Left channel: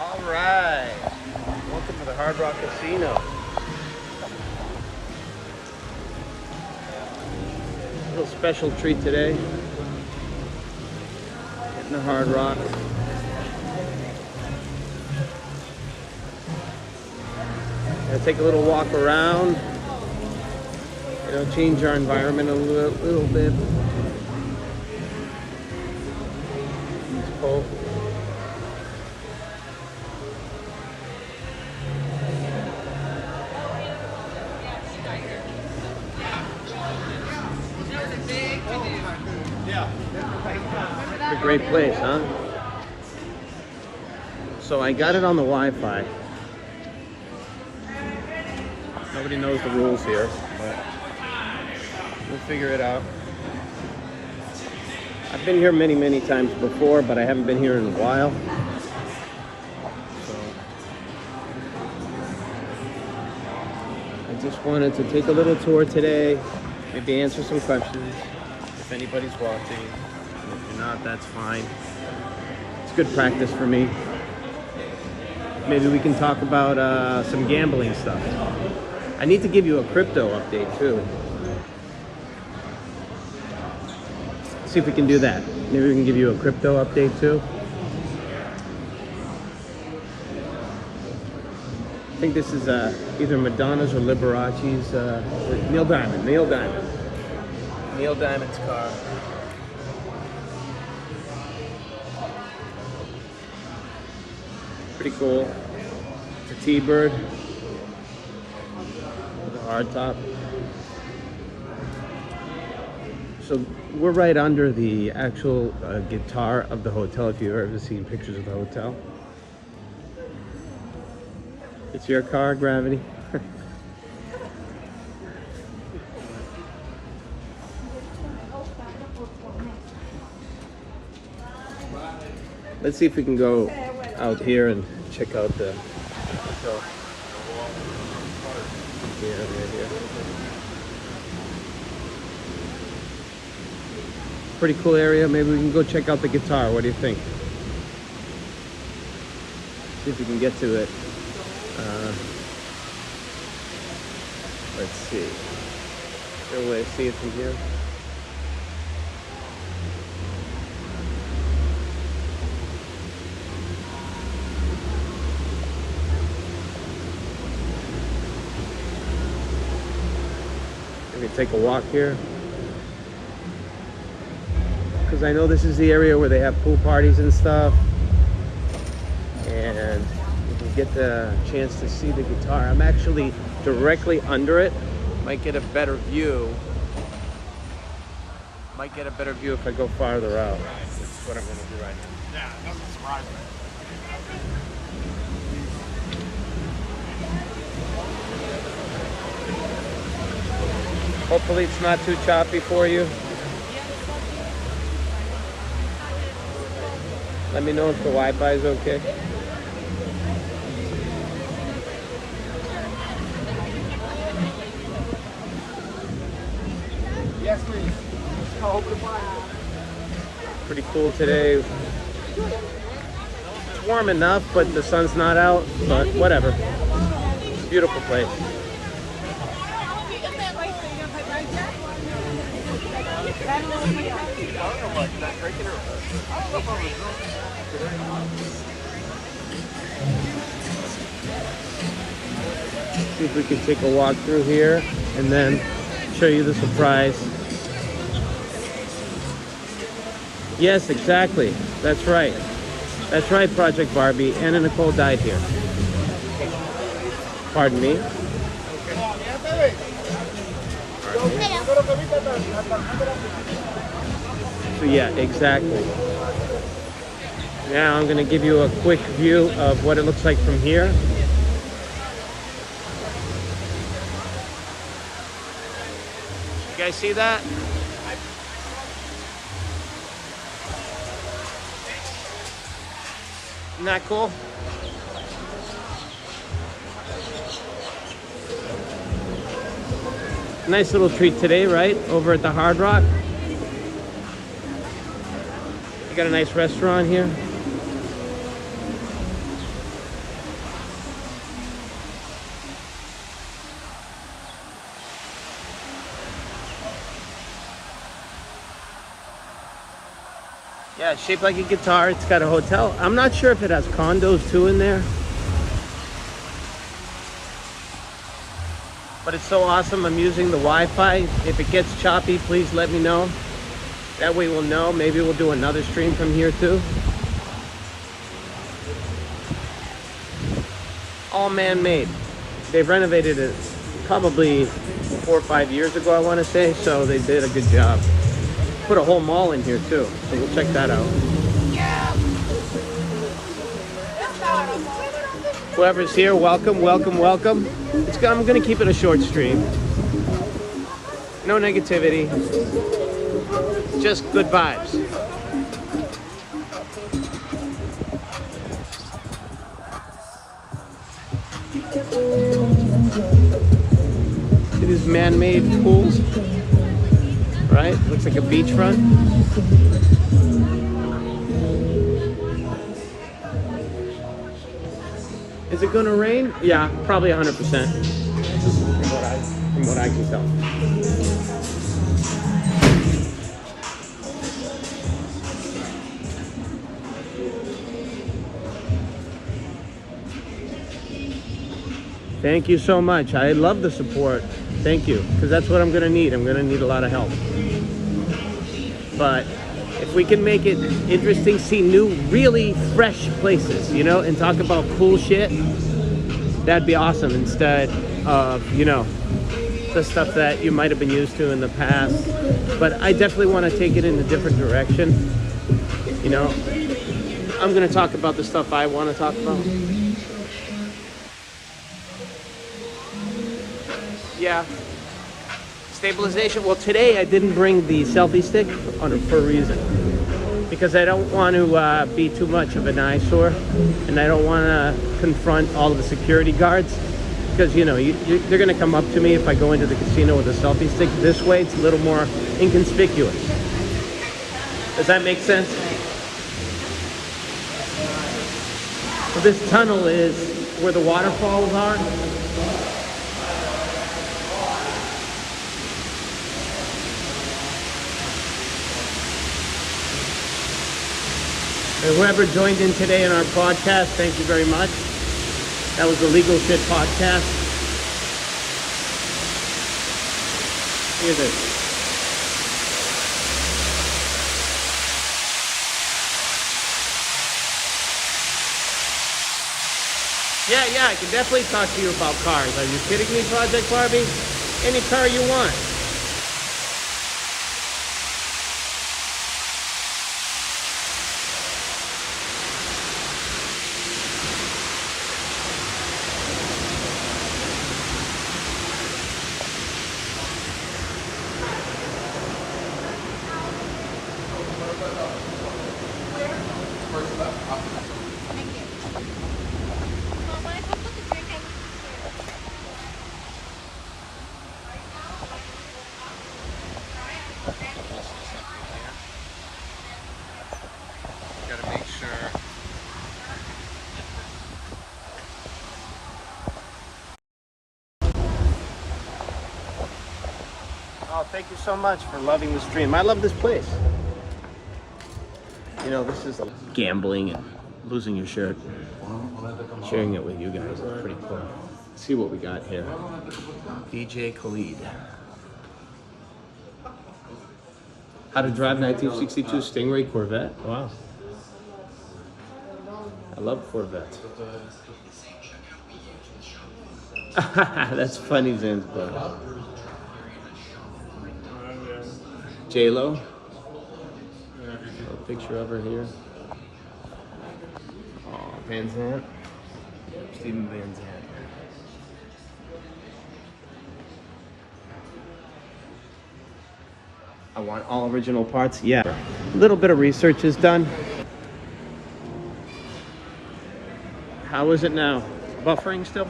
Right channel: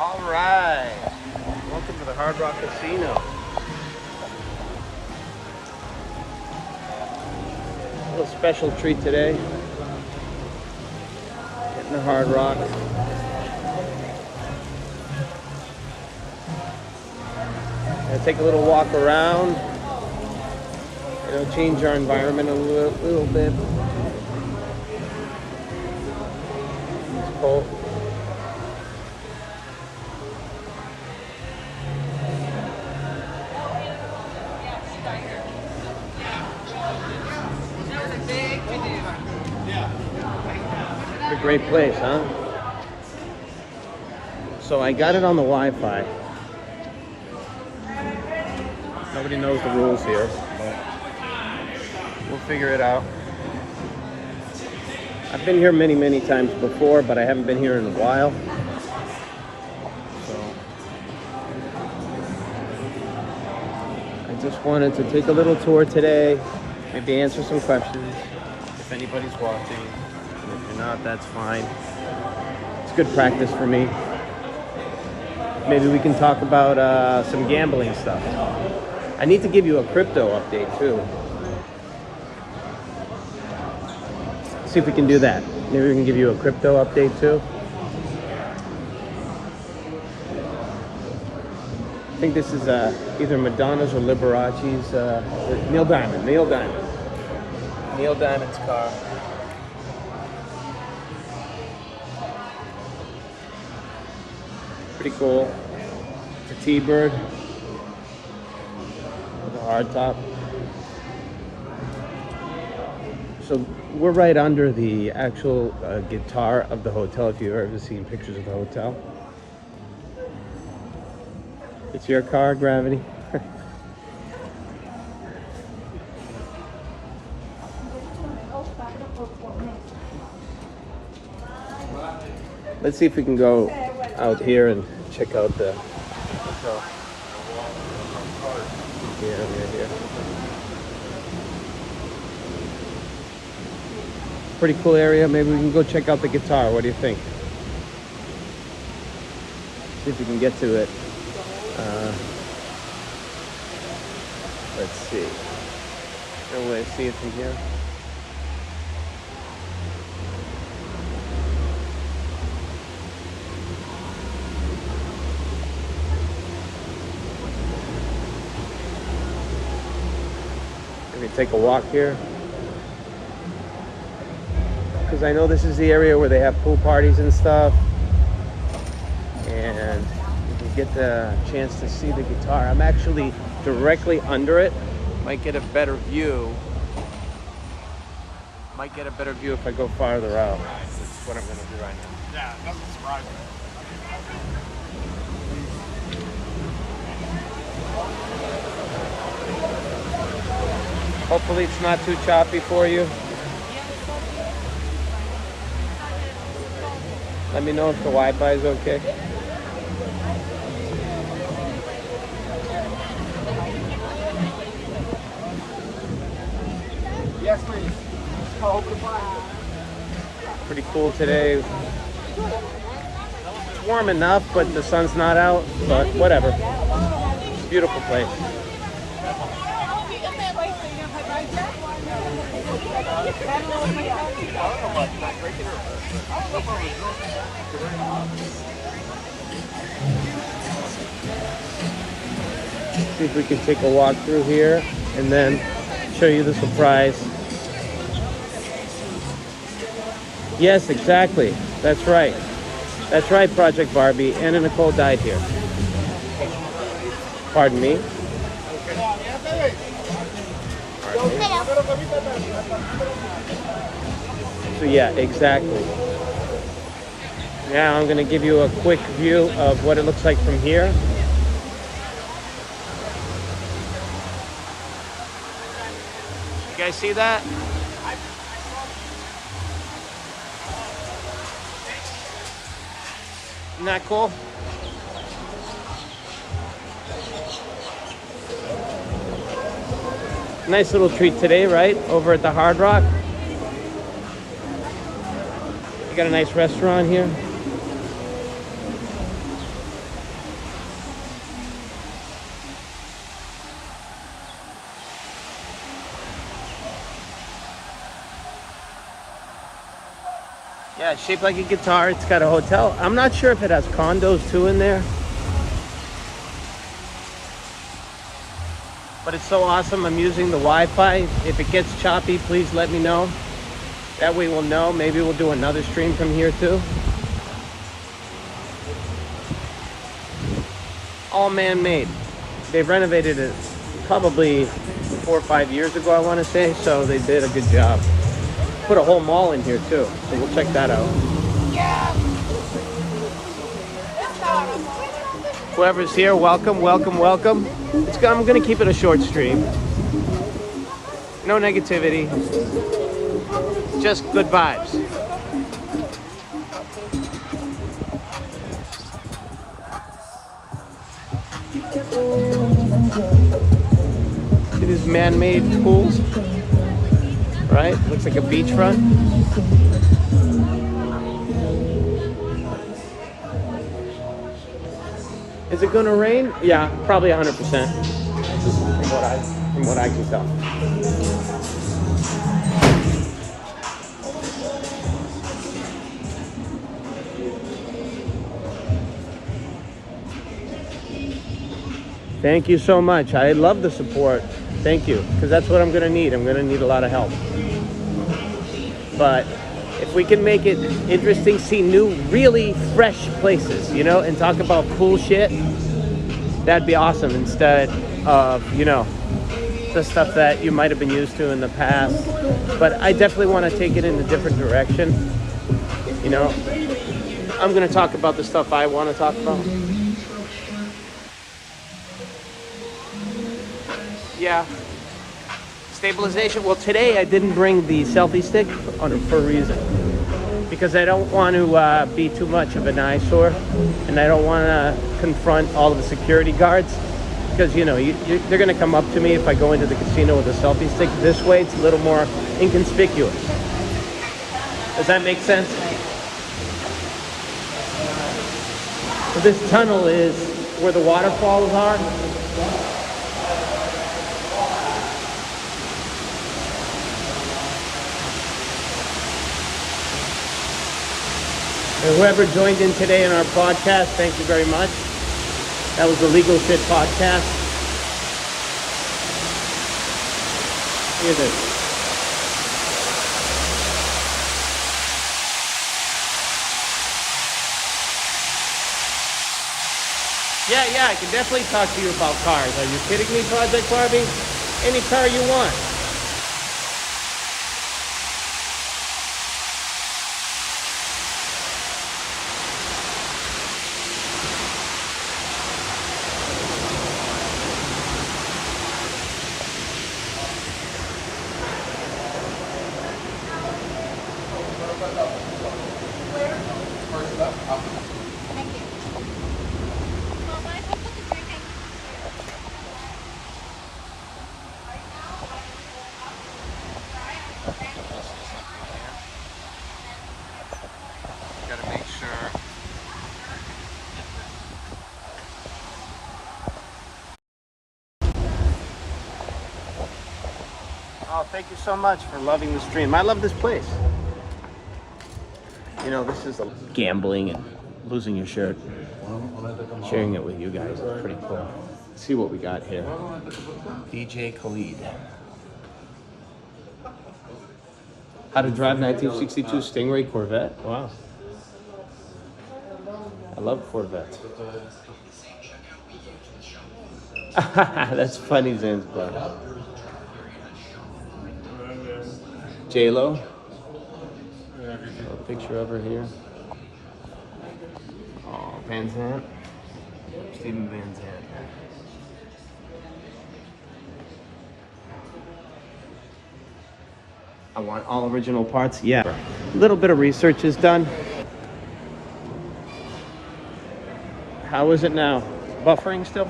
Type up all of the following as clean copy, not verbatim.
All right. Welcome to the Hard Rock Casino. A little special treat today. Hitting the Hard Rock. Gonna take a little walk around. Change our environment a little bit. It's cold. It's a great place, huh? So I got it on the Wi-Fi. Nobody knows the rules here, but we'll figure it out. I've been here many times before, but I haven't been here in a while. So I just wanted to take a little tour today, maybe answer some questions if anybody's watching. And if you're not, that's fine. It's good practice for me. Maybe we can talk about some gambling stuff. I need to give you a crypto update too. See if we can do that. Maybe we can give you a crypto update too. I think this is either Madonna's or Liberace's, Neil Diamond's car. Pretty cool. It's a T-Bird with a hardtop. So we're right under the actual guitar of the hotel, if you've ever seen pictures of the hotel. It's your car, Gravity. Let's see if we can go out here and check out the hotel. Yeah, right here. Pretty cool area. Maybe we can go check out the guitar. What do you think? See if we can get to it. Let's see. Is there a way to see it from here? Maybe take a walk here. Because I know this is the area where they have pool parties and stuff, and you can get the chance to see the guitar. I'm actually directly under it. Might get a better view. Might get a better view if I go farther out. That's what I'm going to do right now. Yeah, doesn't surprise me. Hopefully it's not too choppy for you. Let me know if the Wi-Fi is okay. Yes, please. Pretty cool today. It's warm enough, but the sun's not out, but whatever. Beautiful place. See if we can take a walk through here and then show you the surprise. Yes, exactly. That's right. That's right, Project Barbie. Anna Nicole died here. Pardon me. So yeah, exactly. Now I'm going to give you a quick view of what it looks like from here. You guys see that? Isn't that cool? Nice little treat today, right? Over at the Hard Rock. You got a nice restaurant here. Yeah, shaped like a guitar. It's got a hotel. I'm not sure if it has condos too in there. But it's so awesome. I'm using the Wi-Fi. If it gets choppy, please let me know. That way we'll know. Maybe we'll do another stream from here too. All man-made. They've renovated it probably 4 or 5 years ago, I want to say. So they did a good job. Put a whole mall in here too. So we'll check that out. Whoever's here, welcome, welcome, welcome. I'm gonna keep it a short stream. No negativity. Just good vibes. See these man-made pools? Right? Looks like a beachfront. Is it gonna rain? Yeah, probably 100%. From what I can tell. Thank you so much. I love the support. Thank you, because that's what I'm gonna need. I'm gonna need a lot of help. But if we can make it interesting, see new, really fresh places, you know, and talk about cool shit, that'd be awesome instead of, you know, the stuff that you might have been used to in the past. But I definitely want to take it in a different direction. You know, I'm going to talk about the stuff I want to talk about. Yeah. Stabilization. Well, today I didn't bring the selfie stick for a reason. Because I don't want to be too much of an eyesore. And I don't want to confront all of the security guards. Because, you know, they're going to come up to me if I go into the casino with a selfie stick. This way, it's a little more inconspicuous. Does that make sense? So this tunnel is where the waterfalls are. And whoever joined in today in our podcast, thank you very much. That was the Legal Shit Podcast. Look at this. Yeah, I can definitely talk to you about cars. Are you kidding me, Project Barbie? Any car you want. Gotta make sure. Oh, thank you so much for loving the stream. I love this place. You know, this is gambling and losing your shirt. Sharing it with you guys is pretty cool. Let's see what we got here. DJ Khalid. How to drive 1962 Stingray Corvette. Wow. I love Corvette. That's funny, Zanzibar. J-Lo. A picture of her here. Oh, Van Zandt. Steven Van Zandt. I want all original parts. Yeah. A little bit of research is done. How is it now? Buffering still?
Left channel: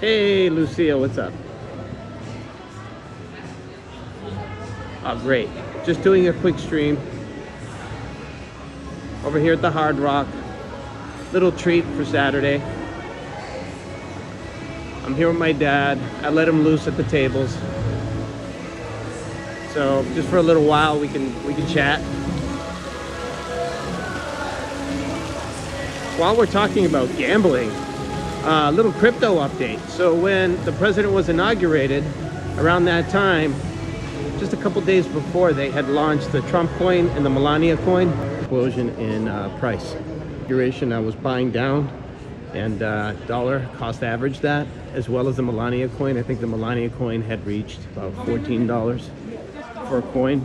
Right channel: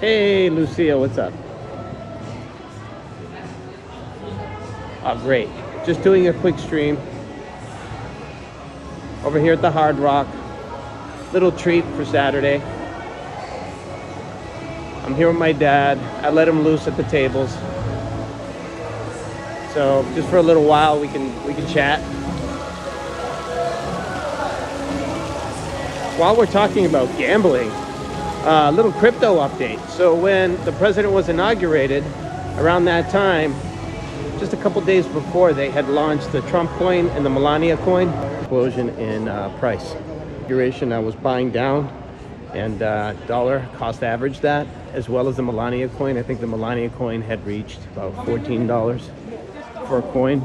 Hey, Lucia, what's up? Oh, great. Just doing a quick stream. Over here at the Hard Rock. Little treat for Saturday. I'm here with my dad. I let him loose at the tables. So just for a little while, we can chat. While we're talking about gambling, a little crypto update. So when the president was inaugurated, around that time, just a couple days before, they had launched the Trump coin and the Melania coin. Explosion in price. Duration, I was buying down, and dollar cost averaged that, as well as the Melania coin. I think the Melania coin had reached about $14 for a coin.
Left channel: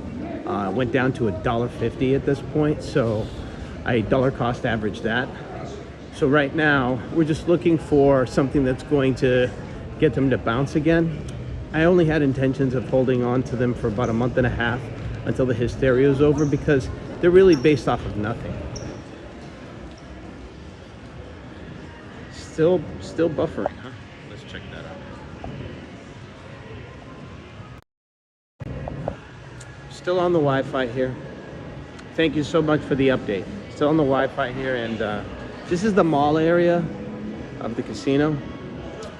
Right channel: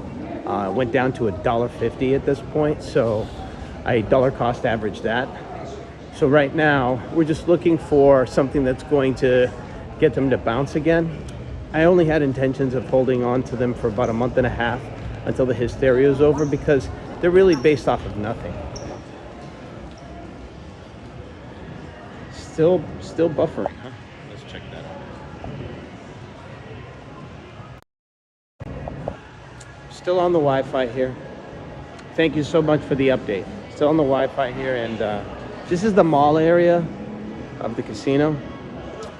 Went down to $1.50 at this point, so I dollar cost averaged that. So right now we're just looking for something that's going to get them to bounce again. I only had intentions of holding on to them for about a month and a half until the hysteria is over, because they're really based off of nothing. Still buffering, huh? Let's check that out. Still on the Wi-Fi here. Thank you so much for the update. Still on the Wi-Fi here, and this is the mall area of the casino.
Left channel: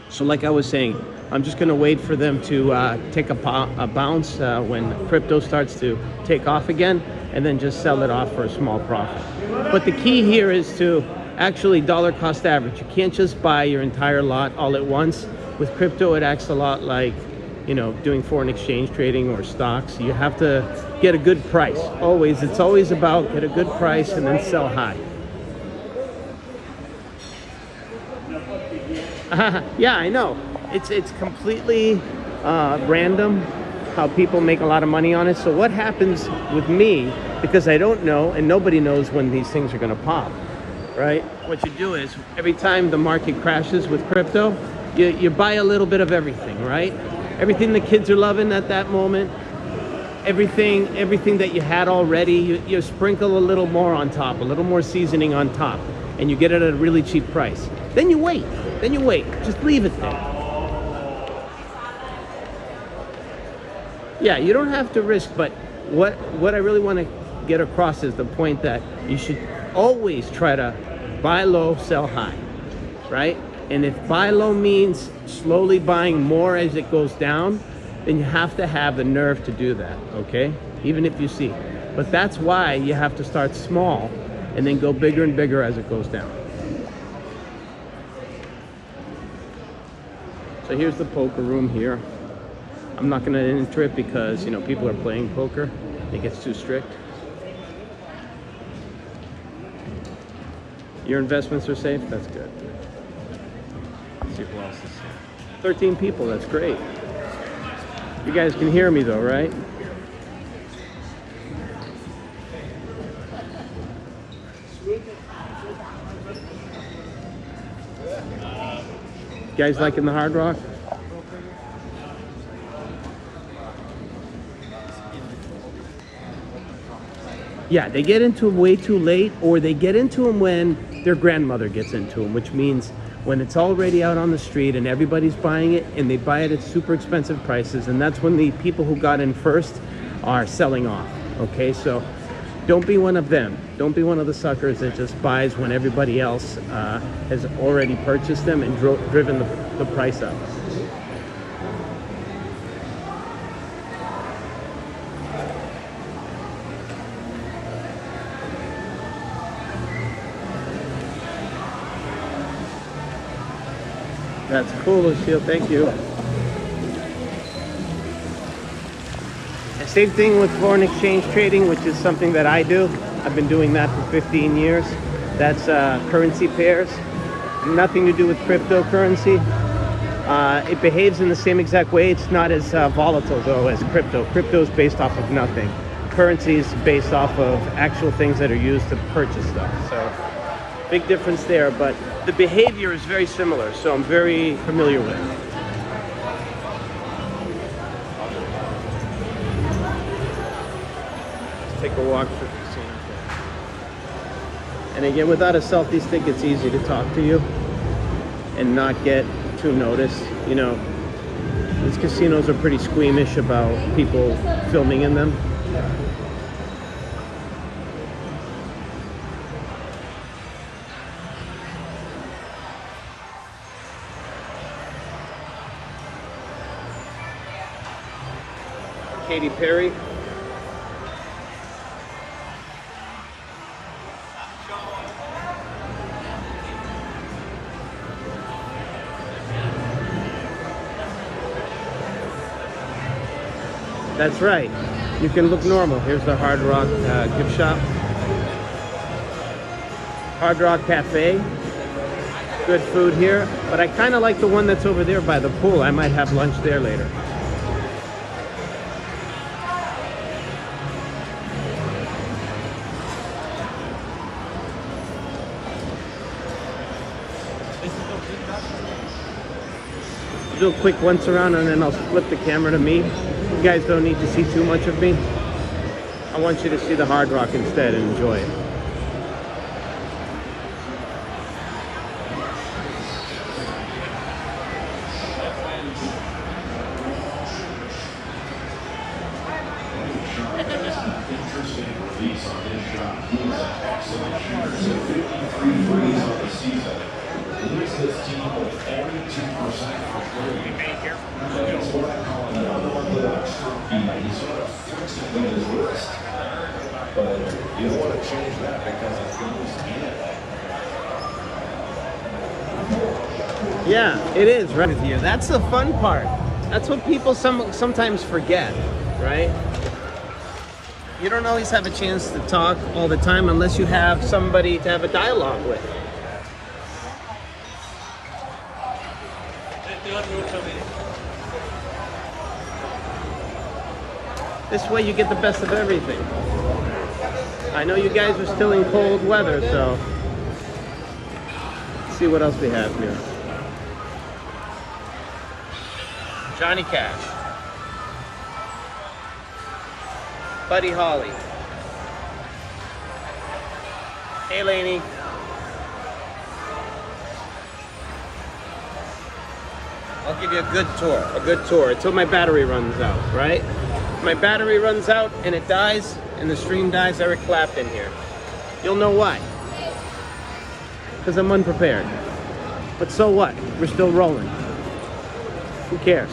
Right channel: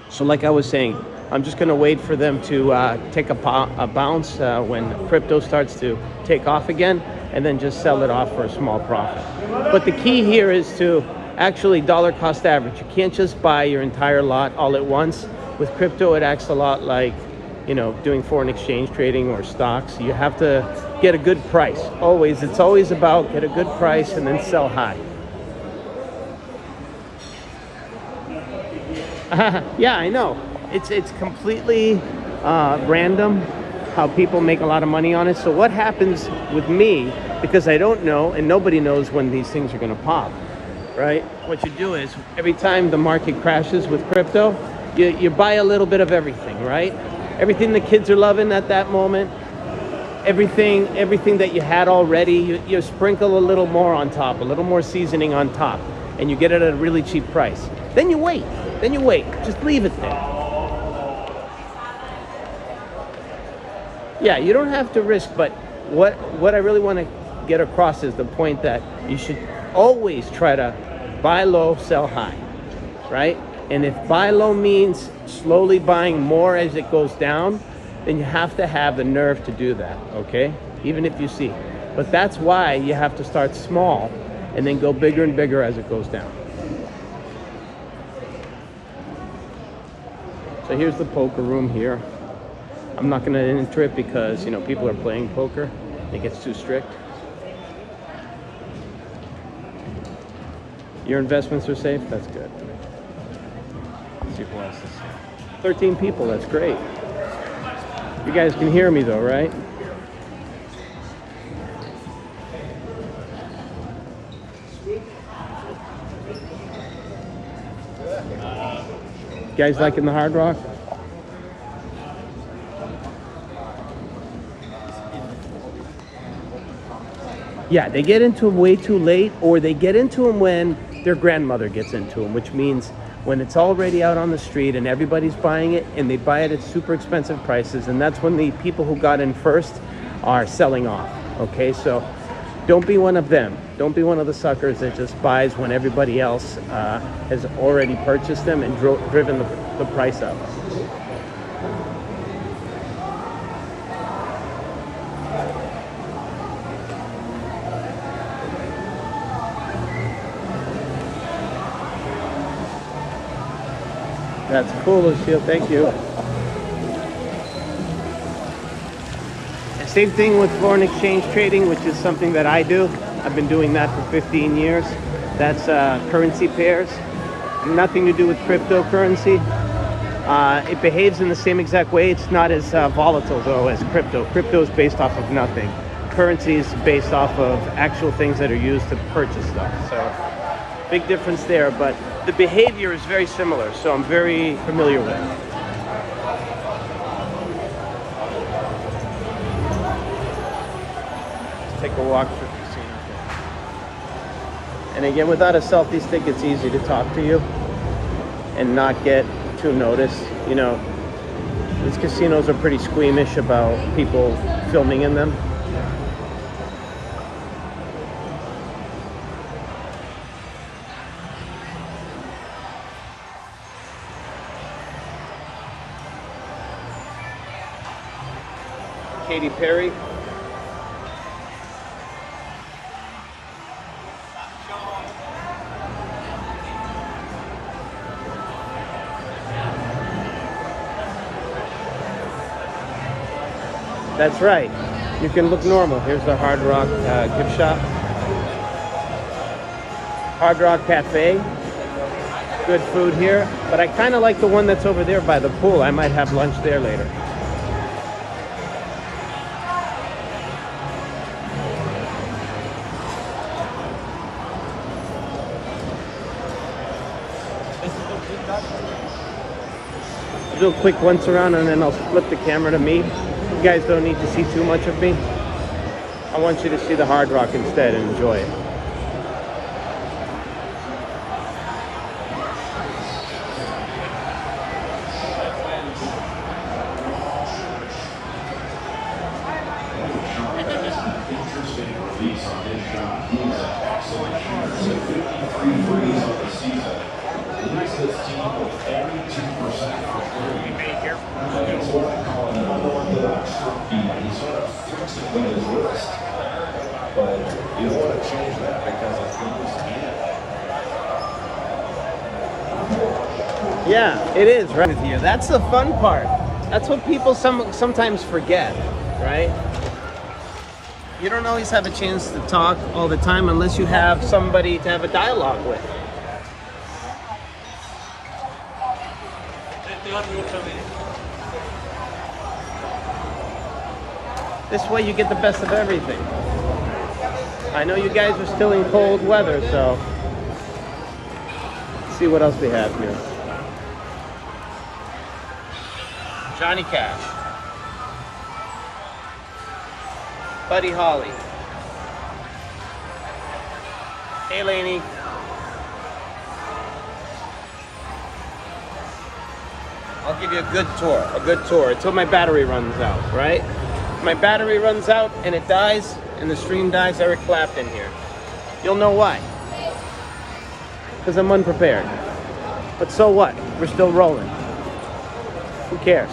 So like I was saying, I'm just gonna wait for them to take a bounce when crypto starts to take off again, and then just sell it off for a small profit. But the key here is to actually dollar cost average. You can't just buy your entire lot all at once. With crypto, it acts a lot like, you know, doing foreign exchange trading or stocks. You have to get a good price. Always, it's always about get a good price and then sell high. Yeah, I know. It's completely random how people make a lot of money on it. So what happens with me, because I don't know, and nobody knows when these things are going to pop, right? What you do is every time the market crashes with crypto, you buy a little bit of everything, right? Everything the kids are loving at that moment, everything that you had already, you sprinkle a little more on top, a little more seasoning on top, and you get it at a really cheap price. Then you wait. Just leave it there. Yeah, you don't have to risk, but what I really want to get across is the point that you should always try to buy low, sell high, right? And if buy low means slowly buying more as it goes down, then you have to have the nerve to do that, okay? Even if you see. But that's why you have to start small and then go bigger and bigger as it goes down. So here's the poker room here. I'm not gonna enter it because, you know, people are playing poker. It gets too strict. Your investments are safe? That's good. Let's see who else is safe. 13 people, that's great. You guys can hear me though, right? You guys liking the Hard Rock? Yeah, they get into them way too late, or they get into them when their grandmother gets into them, which means when it's already out on the street and everybody's buying it, and they buy it at super expensive prices, and that's when the people who got in first are selling off, okay? So don't be one of them. Don't be one of the suckers that just buys when everybody else has already purchased them and driven the price up. That's cool, Lucille. Thank you. Same thing with foreign exchange trading, which is something that I do. I've been doing that for 15 years. That's currency pairs. Nothing to do with cryptocurrency. It behaves in the same exact way. It's not as volatile, though, as crypto. Crypto is based off of nothing. Currency is based off of actual things that are used to purchase stuff. So, big difference there, but the behavior is very similar, so I'm very familiar with it. Take a walk through the casino. And again, without a selfie stick, it's easy to talk to you and not get too noticed. You know, these casinos are pretty squeamish about people filming in them. Katy Perry. That's right. You can look normal. Here's the Hard Rock gift shop. Hard Rock Cafe. Good food here. But I kind of like the one that's over there by the pool. I might have lunch there later. I'll do a quick once around and then I'll flip the camera to me. You guys don't need to see too much of me. I want you to see the Hard Rock instead and enjoy it. Interesting release on his shot. He's an excellent shooter. So 53 threes on the season. Leads this team with 82% for three. It's what I call an unorthodox trophy. He sort of flicks it with his wrist. But you don't want to change that because it's going to Yeah, it is, right? With you. That's the fun part. That's what people sometimes forget, right? You don't always have a chance to talk all the time unless you have somebody to have a dialogue with. This way you get the best of everything. I know you guys are still in cold weather, so let's see what else we have here. Johnny Cash. Buddy Holly. Hey, Lainey. I'll give you a good tour until my battery runs out, right? If my battery runs out and it dies and the stream dies, Eric Clapton here. You'll know why. Because I'm unprepared. But so what? We're still rolling. Who cares?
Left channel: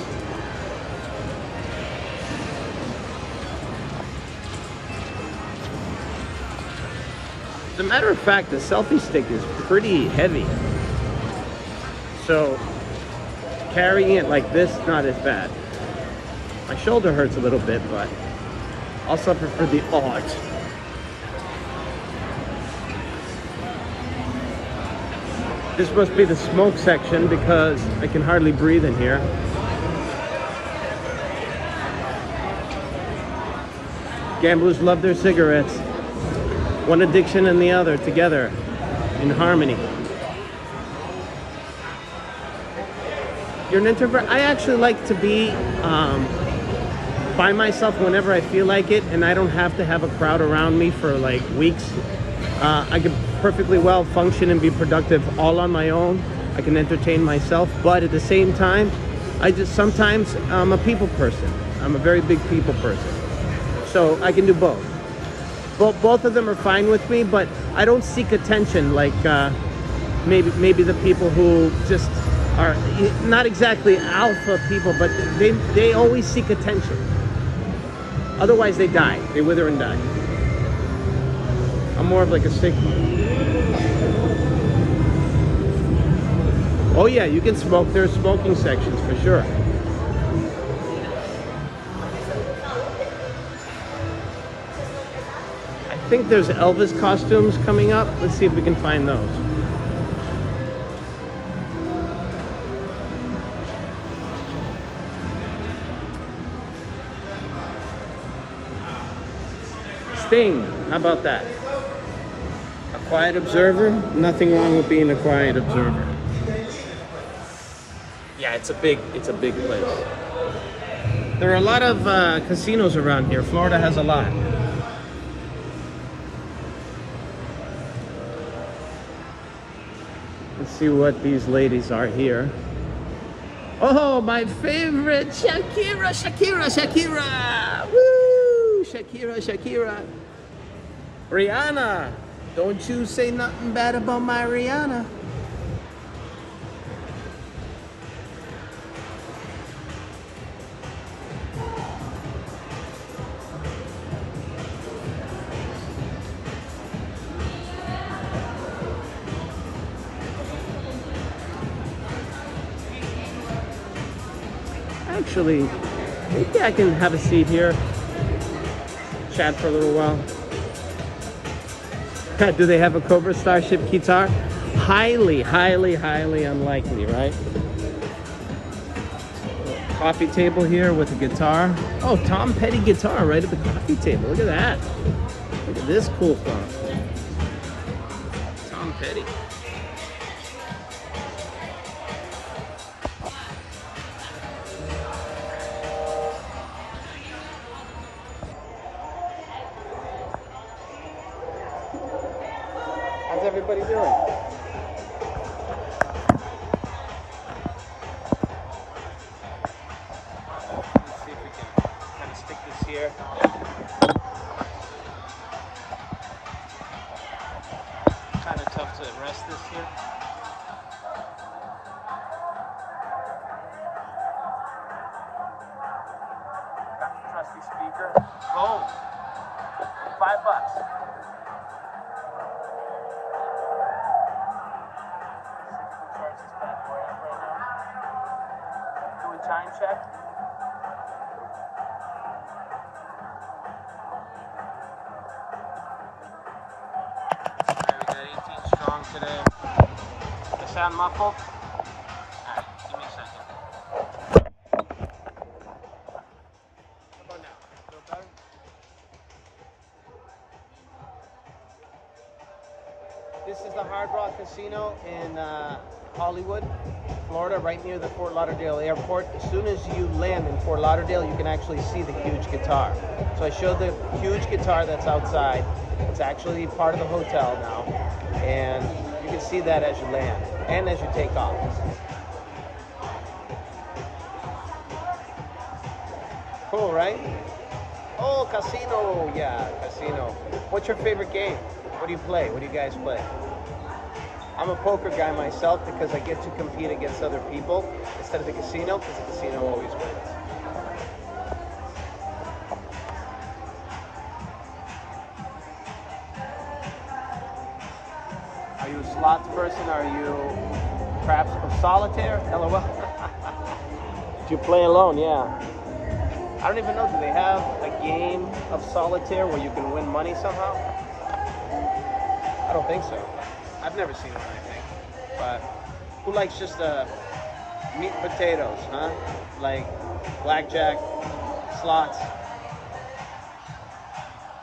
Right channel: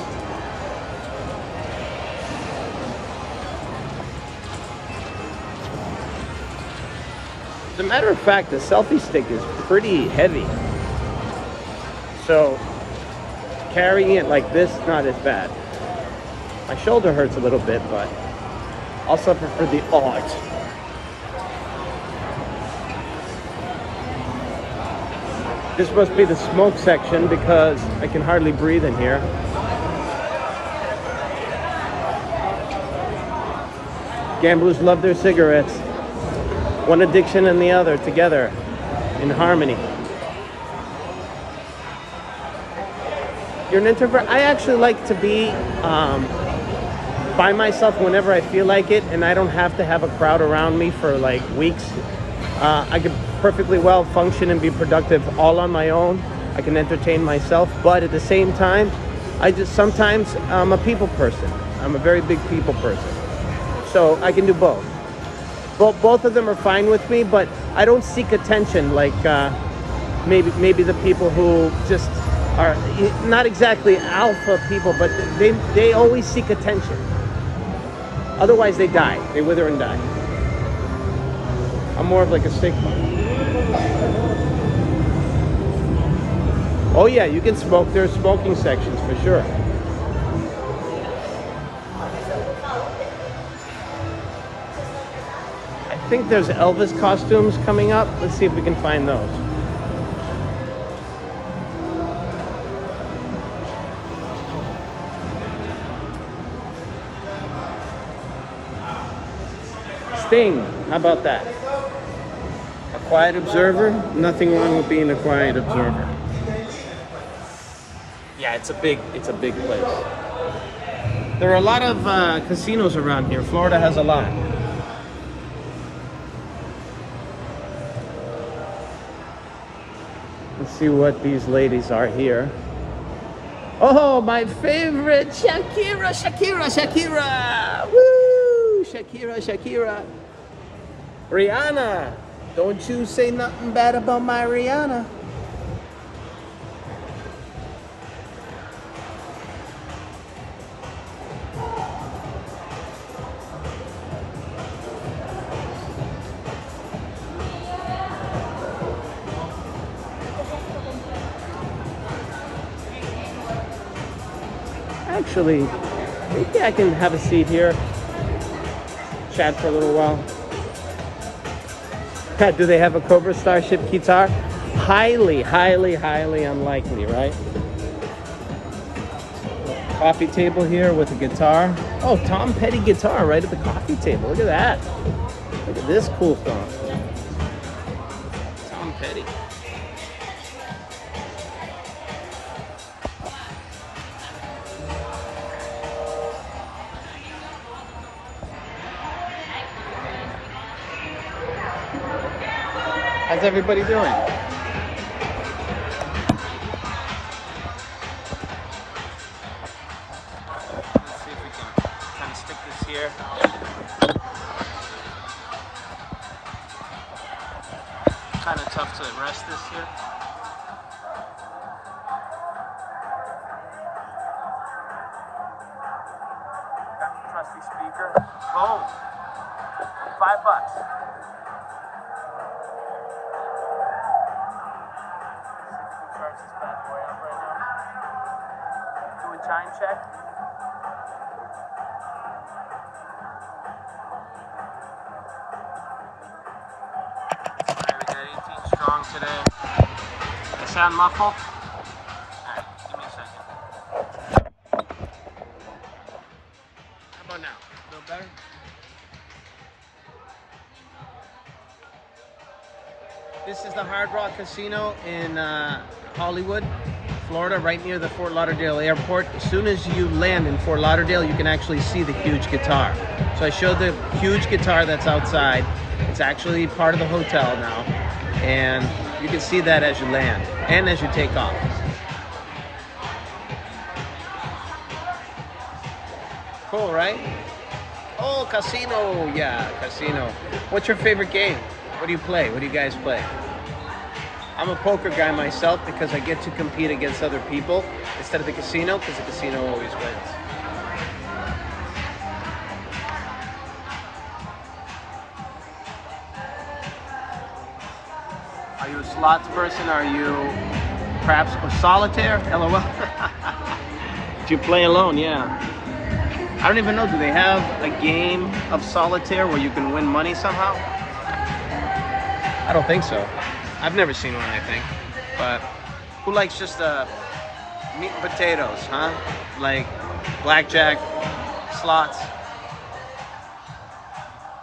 As a matter of fact, the selfie stick is pretty heavy. So carrying it like this, not as bad. My shoulder hurts a little bit, but I'll suffer for the art. This must be the smoke section because I can hardly breathe in here. Gamblers love their cigarettes. One addiction and the other together in harmony. You're an introvert? I actually like to be by myself whenever I feel like it, and I don't have to have a crowd around me for like weeks. I could perfectly well function and be productive all on my own. I can entertain myself, but at the same time, sometimes I'm a people person. I'm a very big people person. So I can do both. Both of them are fine with me, but I don't seek attention like maybe the people who just are not exactly alpha people, but they always seek attention. Otherwise they die. They wither and die. I'm more of like a Sigma. Oh yeah, you can smoke. There are smoking sections for sure. I think there's Elvis costumes coming up. Let's see if we can find those. Sting, how about that? A quiet observer? Nothing wrong with being a quiet observer. Yeah, it's a big place. There are a lot of casinos around here. Florida has a lot. Let's see what these ladies are here. Oh, my favorite, Shakira! Woo! Shakira. Rihanna. Don't you say nothing bad about my Rihanna. actually, maybe I can have a seat here, chat for a little while. Do they have a Cobra Starship guitar? Highly, highly, highly unlikely, right? Coffee table here with a guitar. Oh, Tom Petty guitar right at the coffee table. Look at that. Look at this cool stuff. Tom Petty. How's everybody doing? Here. Kind of tough to rest this here. Got the trusty speaker. Boom. $5. See if we can charge this bad boy up right now. Do a time check. Strong today. I sound muffled? Alright, give me a second. How about now? Feel better? This is the Hard Rock Casino in Hollywood, Florida, right near the Fort Lauderdale airport. As soon as you land in Fort Lauderdale, you can actually see the huge guitar. So I showed the huge guitar that's outside. It's actually part of the hotel now. And you can see that as you land and as you take off. Cool, right? Oh, casino. Yeah, casino. What's your favorite game? What do you play? What do you guys play? I'm a poker guy myself because I get to compete against other people instead of the casino, because the casino always wins. Are you a slots person? Are you perhaps a solitaire? LOL. Do you play alone? Yeah. I don't even know. Do they have a game of solitaire where you can win money somehow? I don't think so. I've never seen one, I think. But who likes just meat and potatoes, huh? Like blackjack, slots.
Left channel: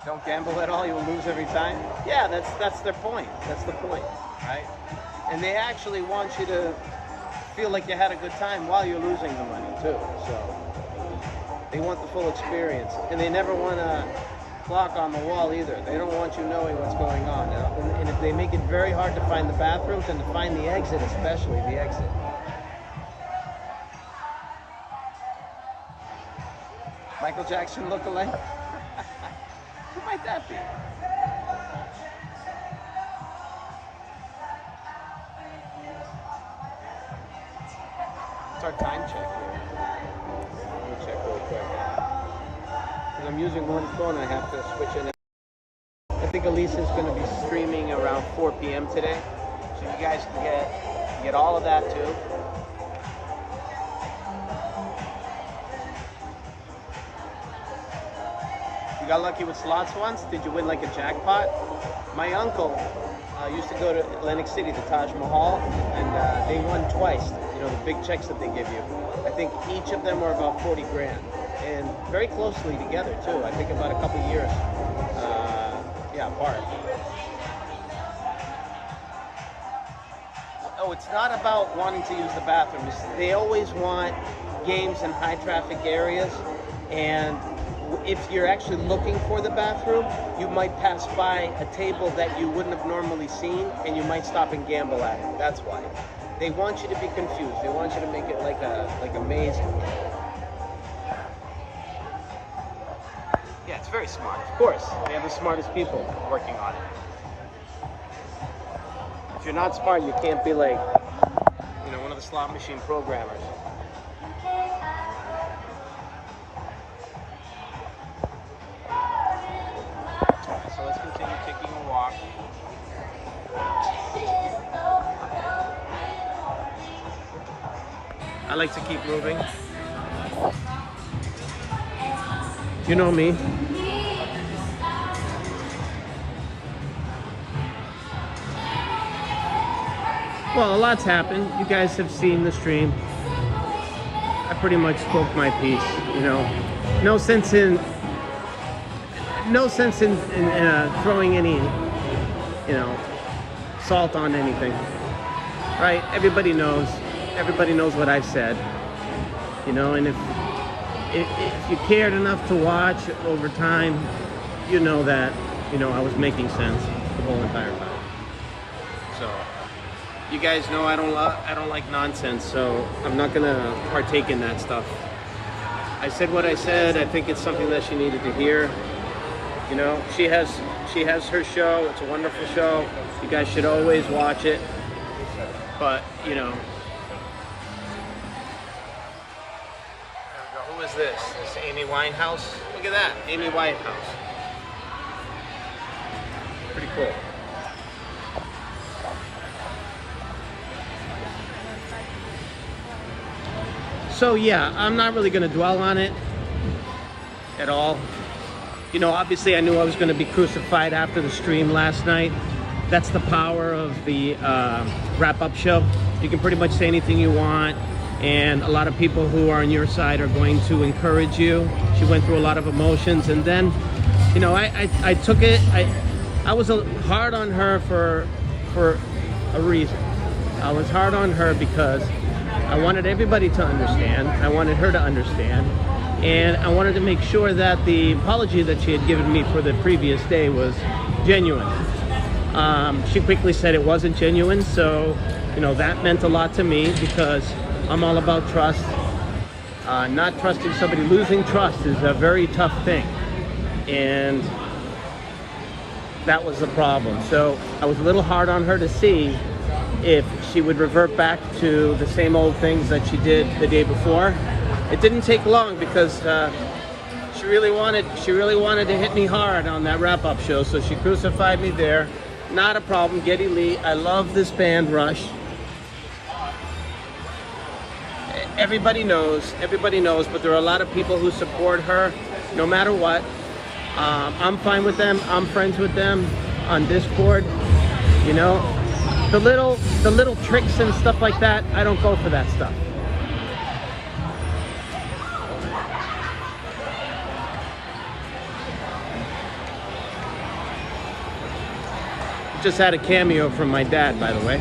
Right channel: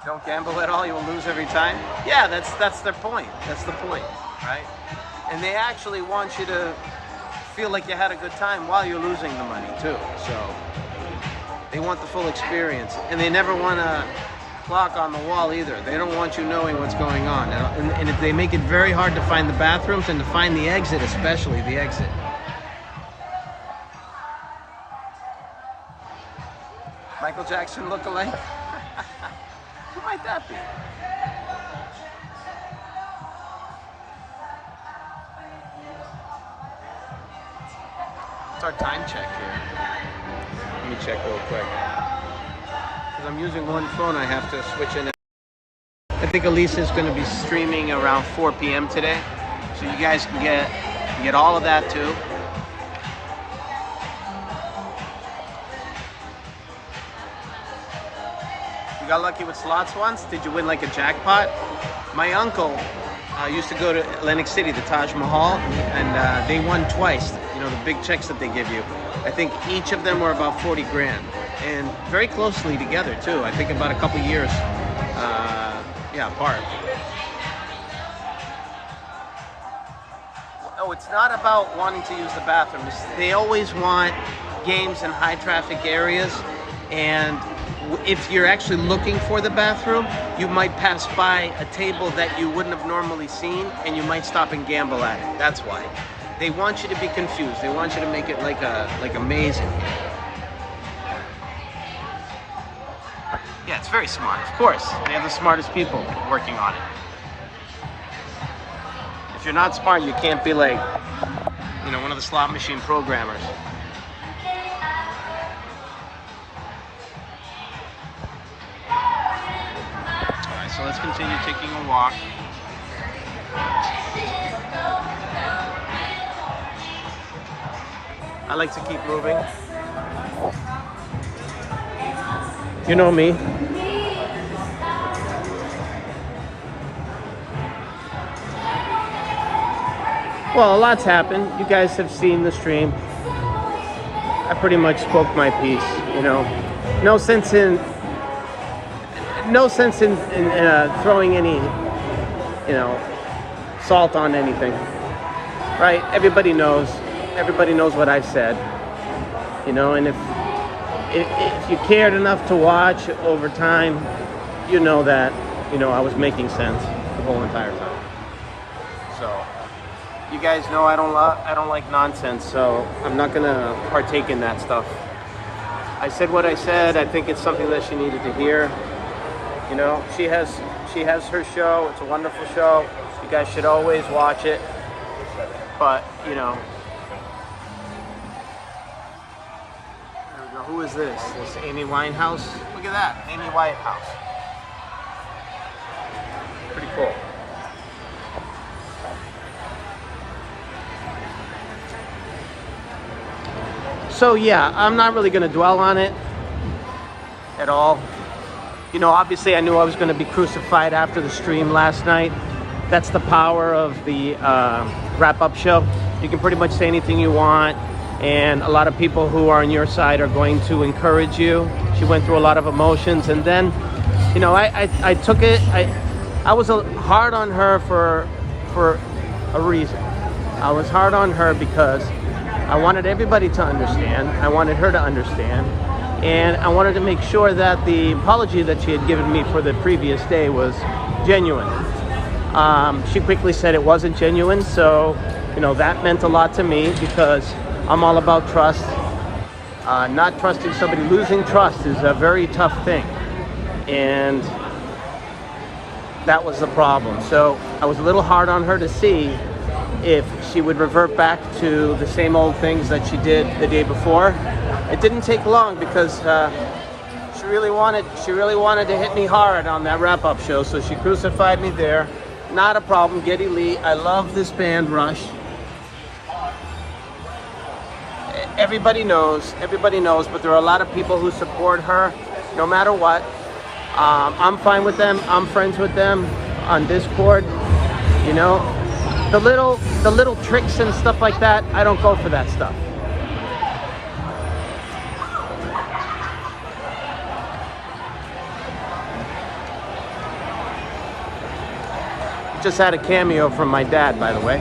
Don't gamble at all, you'll lose every time. Yeah, that's their point. That's the point, right? And they actually want you to feel like you had a good time while you're losing the money too. So they want the full experience, and they never want a clock on the wall either. They don't want you knowing what's going on, and if they make it very hard to find the bathrooms and to find the exit, especially the exit. Michael Jackson look-alike. Who might that be? It's our time check here. Let me check real quick. I'm using one phone, I have to switch in. I think Elisa is going to be streaming around 4 p.m. today, so you guys can get all of that too. You got lucky with slots once? Did you win like a jackpot? My uncle used to go to Atlantic City, the Taj Mahal, and they won twice. You know, the big checks that they give you. I think each of them were about 40 grand, and very closely together too. I think about a couple years, apart. Oh, it's not about wanting to use the bathroom. They always want games in high traffic areas, and if you're actually looking for the bathroom, you might pass by a table that you wouldn't have normally seen, and you might stop and gamble at it. That's why. They want you to be confused. They want you to make it like amazing. Yeah, it's very smart. Of course, they have the smartest people working on it. If you're not smart, you can't be like, you know, one of the slot machine programmers. All right, so let's continue taking a walk. I like to keep moving. You know me. Well, a lot's happened. You guys have seen the stream. I pretty much spoke my piece, you know. No sense in throwing any, you know, salt on anything. Right? Everybody knows what I've said. You know, and if you cared enough to watch over time, you know that, you know, I was making sense the whole entire time. So, you guys know I don't like nonsense, so I'm not gonna partake in that stuff. I said what I said. I think it's something that she needed to hear. You know, she has her show. It's a wonderful show. You guys should always watch it. But, you know, there we go. Who is this? This Amy Winehouse? Look at that, Amy Winehouse. Pretty cool. So yeah, I'm not really going to dwell on it at all. You know, obviously I knew I was going to be crucified after the stream last night. That's the power of the wrap-up show. You can pretty much say anything you want, and a lot of people who are on your side are going to encourage you. She went through a lot of emotions, and then, you know, I took it. I was hard on her for a reason. I was hard on her because I wanted everybody to understand. I wanted her to understand. And I wanted to make sure that the apology that she had given me for the previous day was genuine. She quickly said it wasn't genuine, so, you know, that meant a lot to me because I'm all about trust. Not trusting somebody, losing trust is a very tough thing. And that was the problem. So I was a little hard on her to see if she would revert back to the same old things that she did the day before. It didn't take long because she really wanted to hit me hard on that wrap-up show, so she crucified me there. Not a problem. Geddy Lee. I love this band, Rush. Everybody knows, but there are a lot of people who support her no matter what. I'm fine with them. I'm friends with them on Discord. You know, the little tricks and stuff like that, I don't go for that stuff. Just had a cameo from my dad, by the way.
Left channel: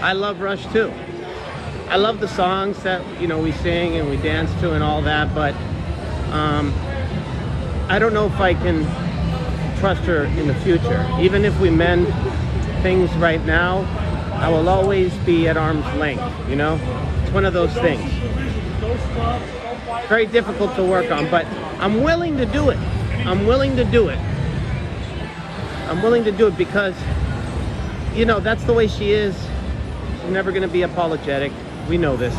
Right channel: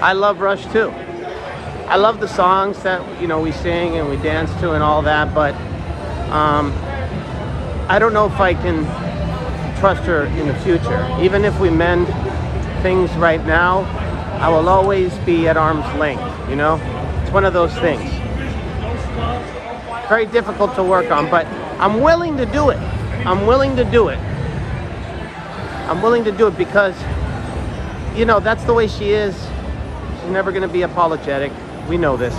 I love Rush too. I love the songs that, you know, we sing and we dance to and all that, but I don't know if I can trust her in the future. Even if we mend things right now, I will always be at arm's length, you know? It's one of those things. Very difficult to work on, but I'm willing to do it. I'm willing to do it. I'm willing to do it because, you know, that's the way she is. She's never going to be apologetic. We know this.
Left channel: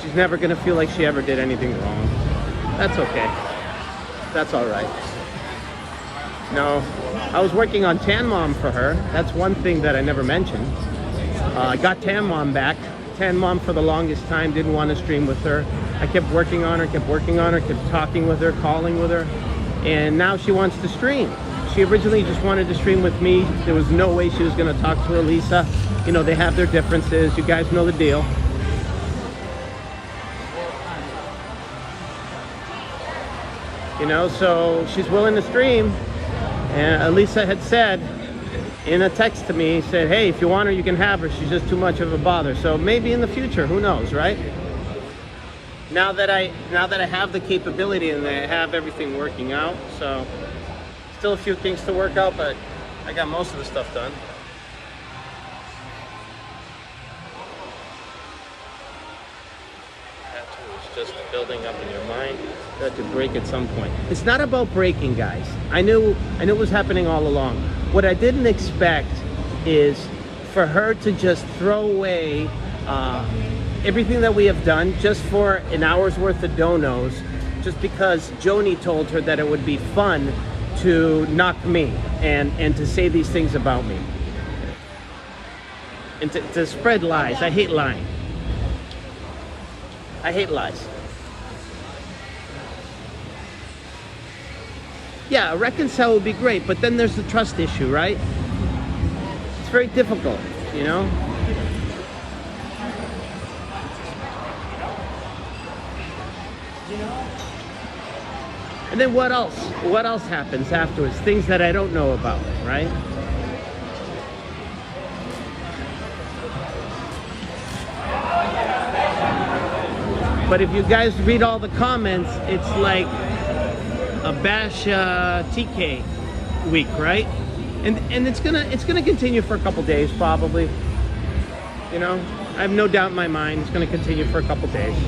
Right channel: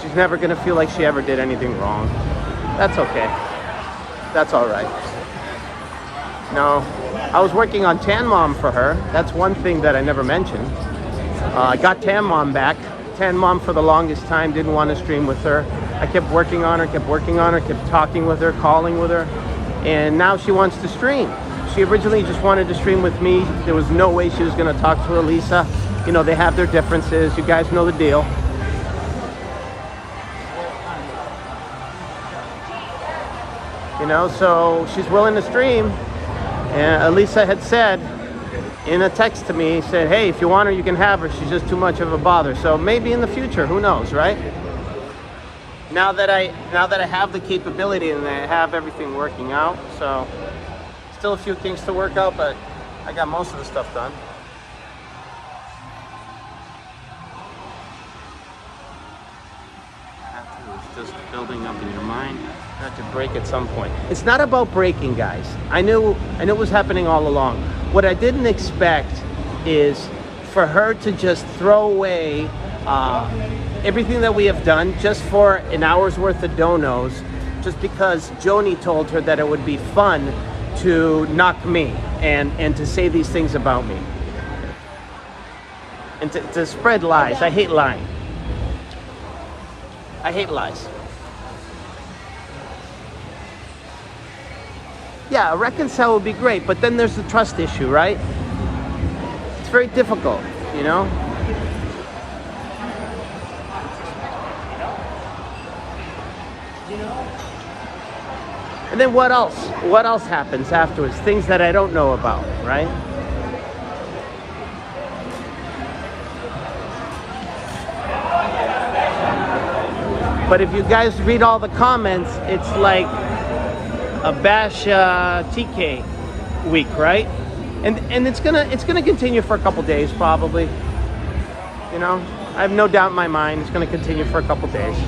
She's never going to feel like she ever did anything wrong. That's okay. That's all right. No, I was working on Tan Mom for her. That's one thing that I never mentioned. I got Tan Mom back. Tan Mom for the longest time didn't want to stream with her. I kept working on her, kept talking with her, calling with her, and now she wants to stream. She originally just wanted to stream with me. There was no way she was going to talk to Elisa. You know, they have their differences. You guys know the deal. You know, so she's willing to stream. And Elisa had said in a text to me, said, hey, if you want her, you can have her. She's just too much of a bother. So maybe in the future, who knows, right? Now that I have the capability and I have everything working out, so still a few things to work out, but I got most of the stuff done. It's just building up in your mind. That to break at some point. It's not about breaking, guys. I knew it was happening all along. What I didn't expect is for her to just throw away everything that we have done just for an hour's worth of donos, just because Joni told her that it would be fun to knock me and to say these things about me. And to spread lies. I hate lying. I hate lies. Yeah, a reconcile would be great, but then there's the trust issue, right? It's very difficult, you know? And then what else? What else happens afterwards? Things that I don't know about, right? But if you guys read all the comments, it's like a bash TK week, right? And it's gonna continue for a couple days probably. You know, I have no doubt in my mind it's gonna continue for a couple days.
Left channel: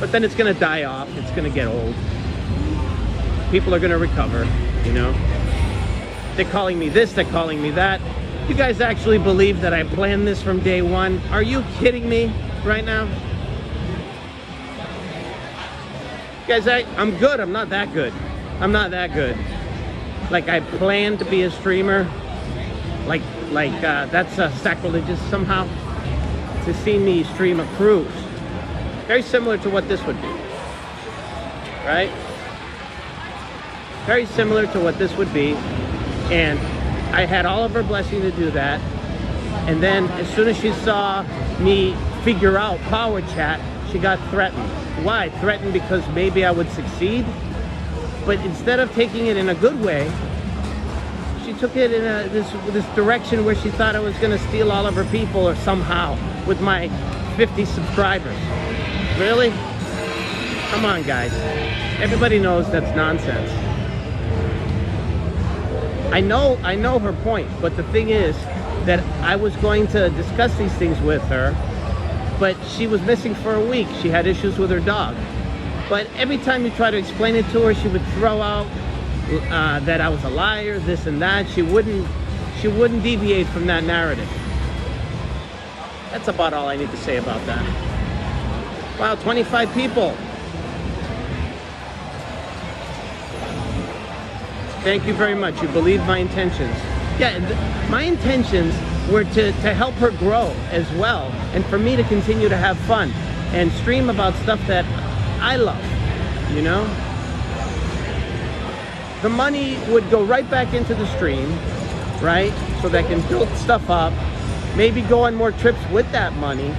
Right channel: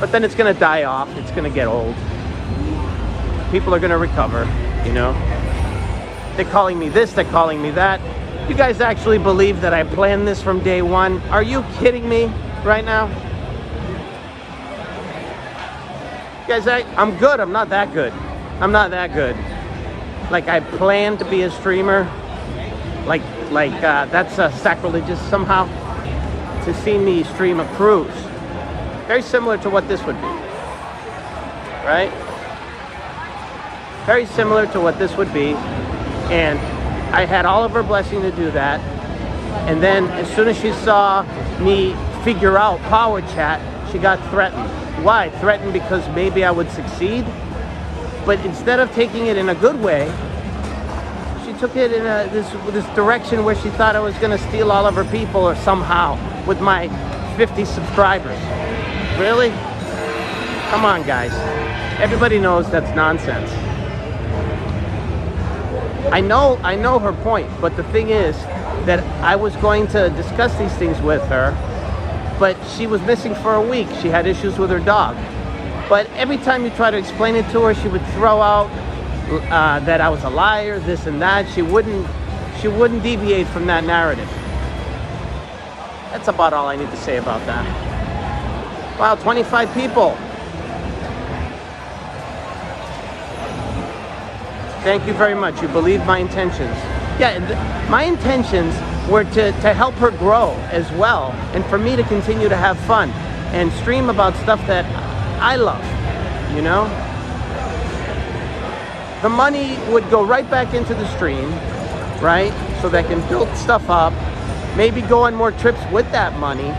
But then it's gonna die off. It's gonna get old. People are gonna recover. You know, they're calling me this, they're calling me that. You guys actually believe that I planned this from day one? Are you kidding me right now? Guys, I'm good. I'm not that good. I'm not that good. Like I planned to be a streamer. Like that's sacrilegious somehow. To see me stream a cruise. Very similar to what this would be. Right? Very similar to what this would be. And I had all of her blessing to do that. And then as soon as she saw me figure out Power Chat, she got threatened. Why? Threatened because maybe I would succeed. But instead of taking it in a good way, she took it in this direction where she thought I was going to steal all of her people or somehow with my 50 subscribers. Really? Come on, guys. Everybody knows that's nonsense. I know her point, but the thing is that I was going to discuss these things with her, but she was missing for a week. She had issues with her dog. But every time you try to explain it to her, she would throw out that I was a liar, this and that. She wouldn't deviate from that narrative. That's about all I need to say about that. Wow, 25 people. Thank you very much. You believe my intentions. Yeah, my intentions were to help her grow as well, and for me to continue to have fun and stream about stuff that I love, you know? The money would go right back into the stream, right? So they can build stuff up, maybe go on more trips with that money,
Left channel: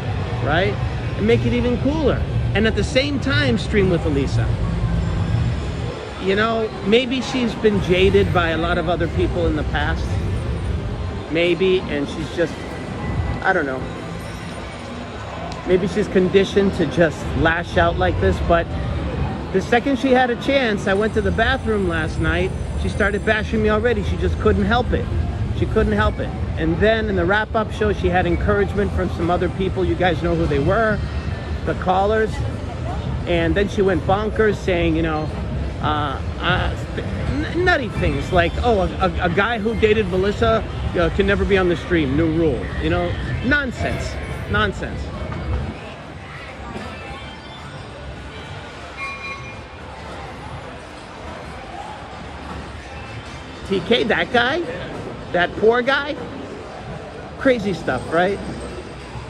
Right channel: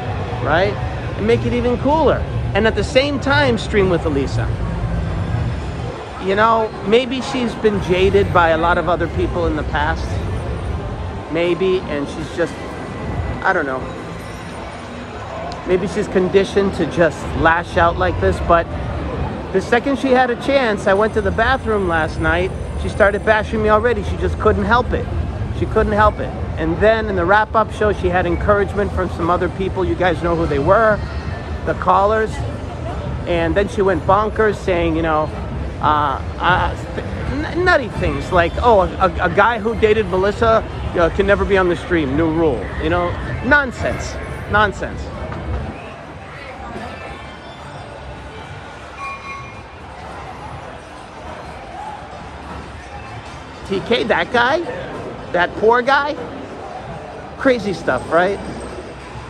right? And make it even cooler. And at the same time, stream with Elisa. You know, maybe she's been jaded by a lot of other people in the past. Maybe, and she's just, I don't know. Maybe she's conditioned to just lash out like this, but the second she had a chance, I went to the bathroom last night, she started bashing me already. She just couldn't help it. She couldn't help it. And then in the wrap-up show, she had encouragement from some other people. You guys know who they were, the callers. And then she went bonkers saying, you know, nutty things like, oh, a guy who dated Melissa can never be on the stream, new rule, you know, nonsense. TK, that guy, that poor guy, crazy stuff, right?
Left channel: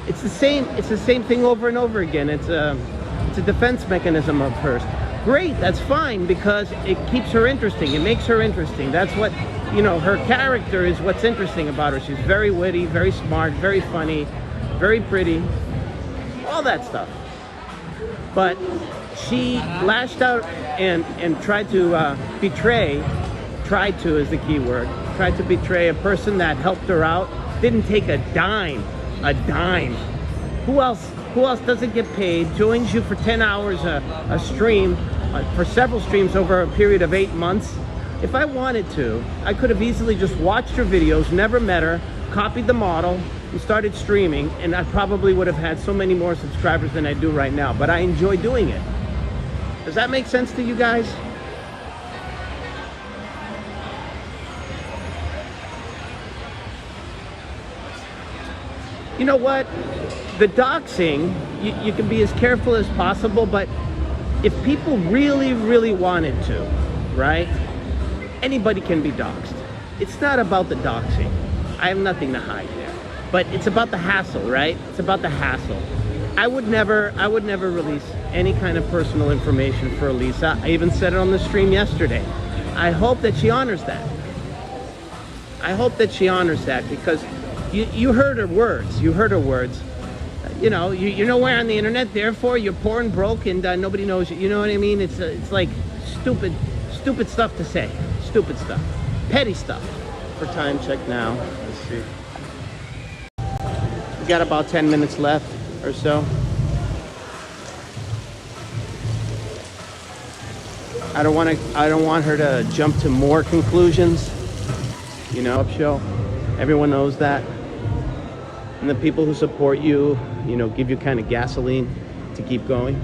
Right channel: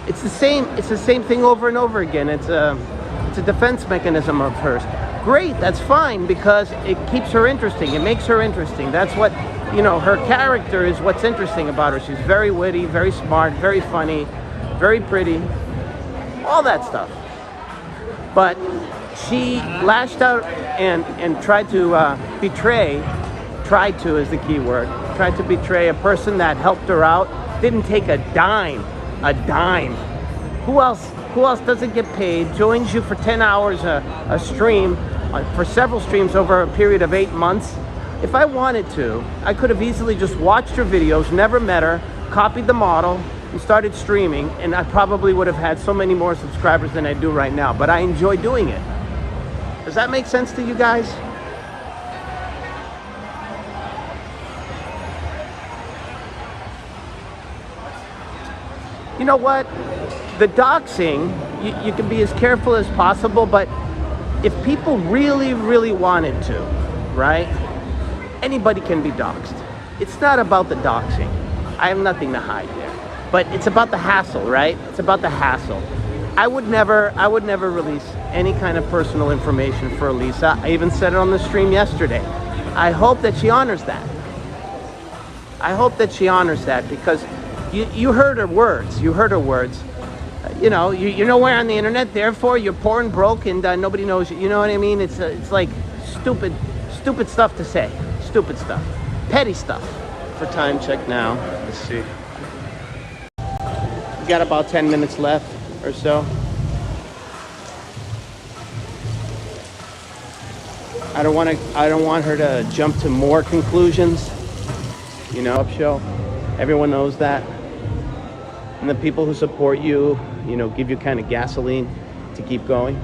It's the same thing over and over again. It's a defense mechanism of hers. Great, that's fine, because it keeps her interesting. It makes her interesting. That's what, you know, her character is what's interesting about her. She's very witty, very smart, very funny, very pretty, all that stuff. But she lashed out and tried to betray, tried to is the key word, tried to betray a person that helped her out, didn't take a dime. Who else doesn't get paid, joins you for 10 hours a stream, for several streams over a period of 8 months? If I wanted to, I could have easily just watched her videos, never met her, copied the model, and started streaming, and I probably would have had so many more subscribers than I do right now. But I enjoy doing it. Does that make sense to you guys? You know what? The doxing, you can be as careful as possible, but if people really, really wanted to, right? Anybody can be doxed. It's not about the doxing. I have nothing to hide. But it's about the hassle, right? It's about the hassle. I would never release any kind of personal information for Elisa. I even said it on the stream yesterday. I hope that she honors that. I hope that she honors that, because you heard her words. You heard her words. You know, you're nowhere on the internet, therefore you're poor and broke, and nobody knows you. You know what I mean? It's like stupid stuff to say. Stupid stuff. Petty stuff. What time check now? Let's see. We got about 10 minutes left or so. I don't want her to jump to more conclusions. You know, show. Everyone knows that. And the people who support you, you know, give you kind of gasoline to keep going.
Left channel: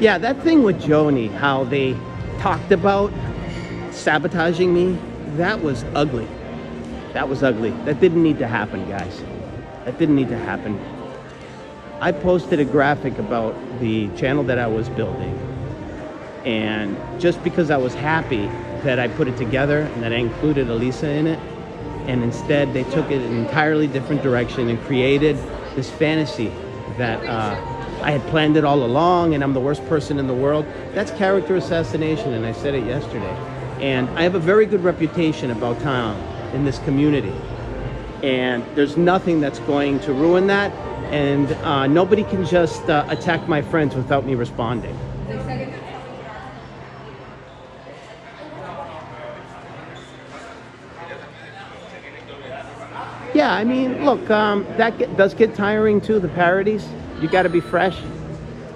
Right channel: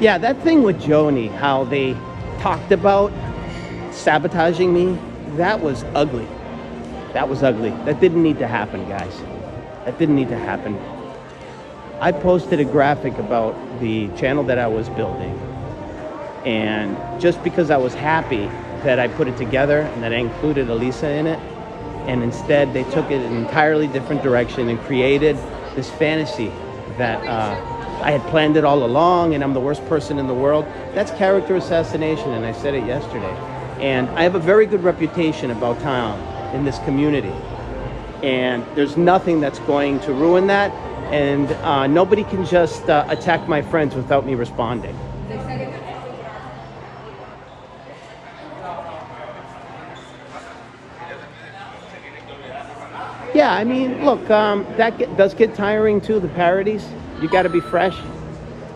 Yeah, that thing with Joni, how they talked about sabotaging me, that was ugly. That was ugly. That didn't need to happen, guys. That didn't need to happen. I posted a graphic about the channel that I was building. And just because I was happy that I put it together and that I included Elisa in it, and instead they took it an entirely different direction and created this fantasy that I had planned it all along and I'm the worst person in the world. That's character assassination, and I said it yesterday. And I have a very good reputation about town in this community. And there's nothing that's going to ruin that. And nobody can just attack my friends without me responding. Yeah, I mean, look, does get tiring too, the parodies. You got to be fresh,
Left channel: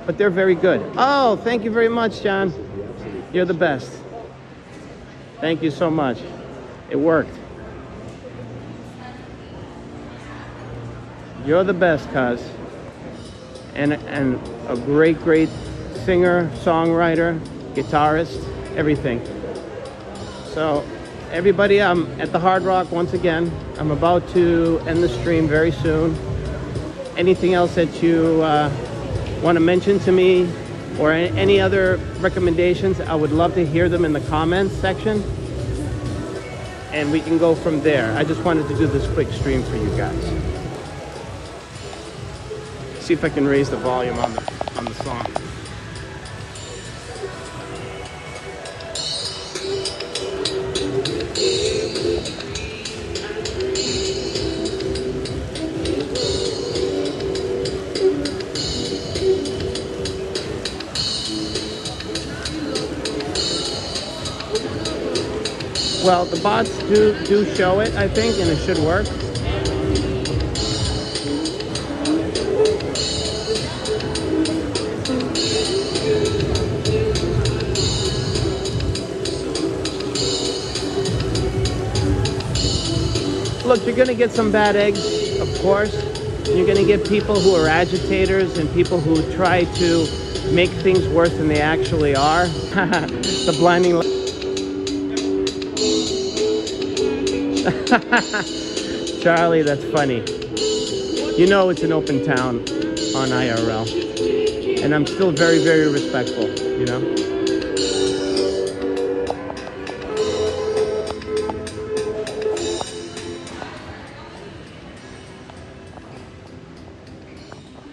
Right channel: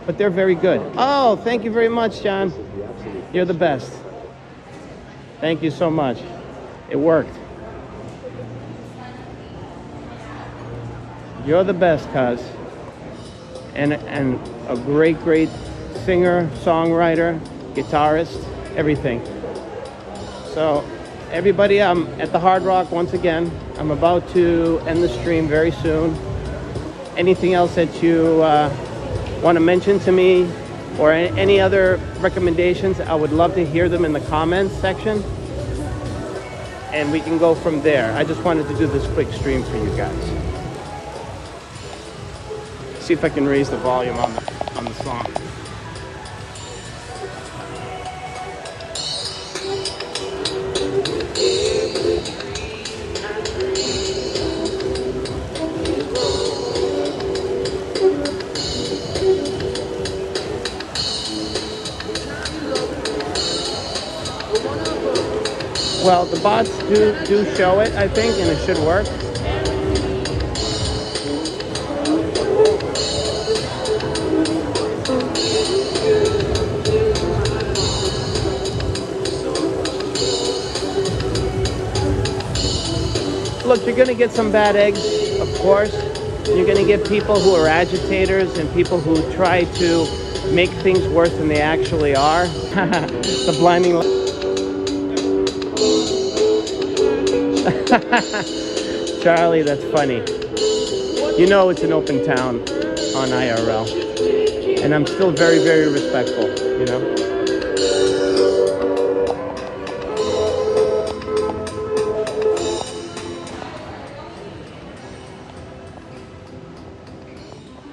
but they're very good. Oh, thank you very much, John. You're the best. Thank you so much. It worked. You're the best, cuz. And a great singer, songwriter, guitarist, everything. So, everybody, I'm at the Hard Rock once again. I'm about to end the stream very soon. Anything else that you want to mention to me, or any other recommendations, I would love to hear them in the comments section. And we can go from there. I just wanted to do this quick stream for you guys. See if I can raise the volume on the song. Well, the bots do show it, I think, and it should work. Look, you're going to get some bad eggs, of course. You're going to get people who are agitators and people who try to make things worse than they actually are. The blinding light. Charlie, that's funny. You know it's an open town on IRL. And I'm still very, very respectful, you know?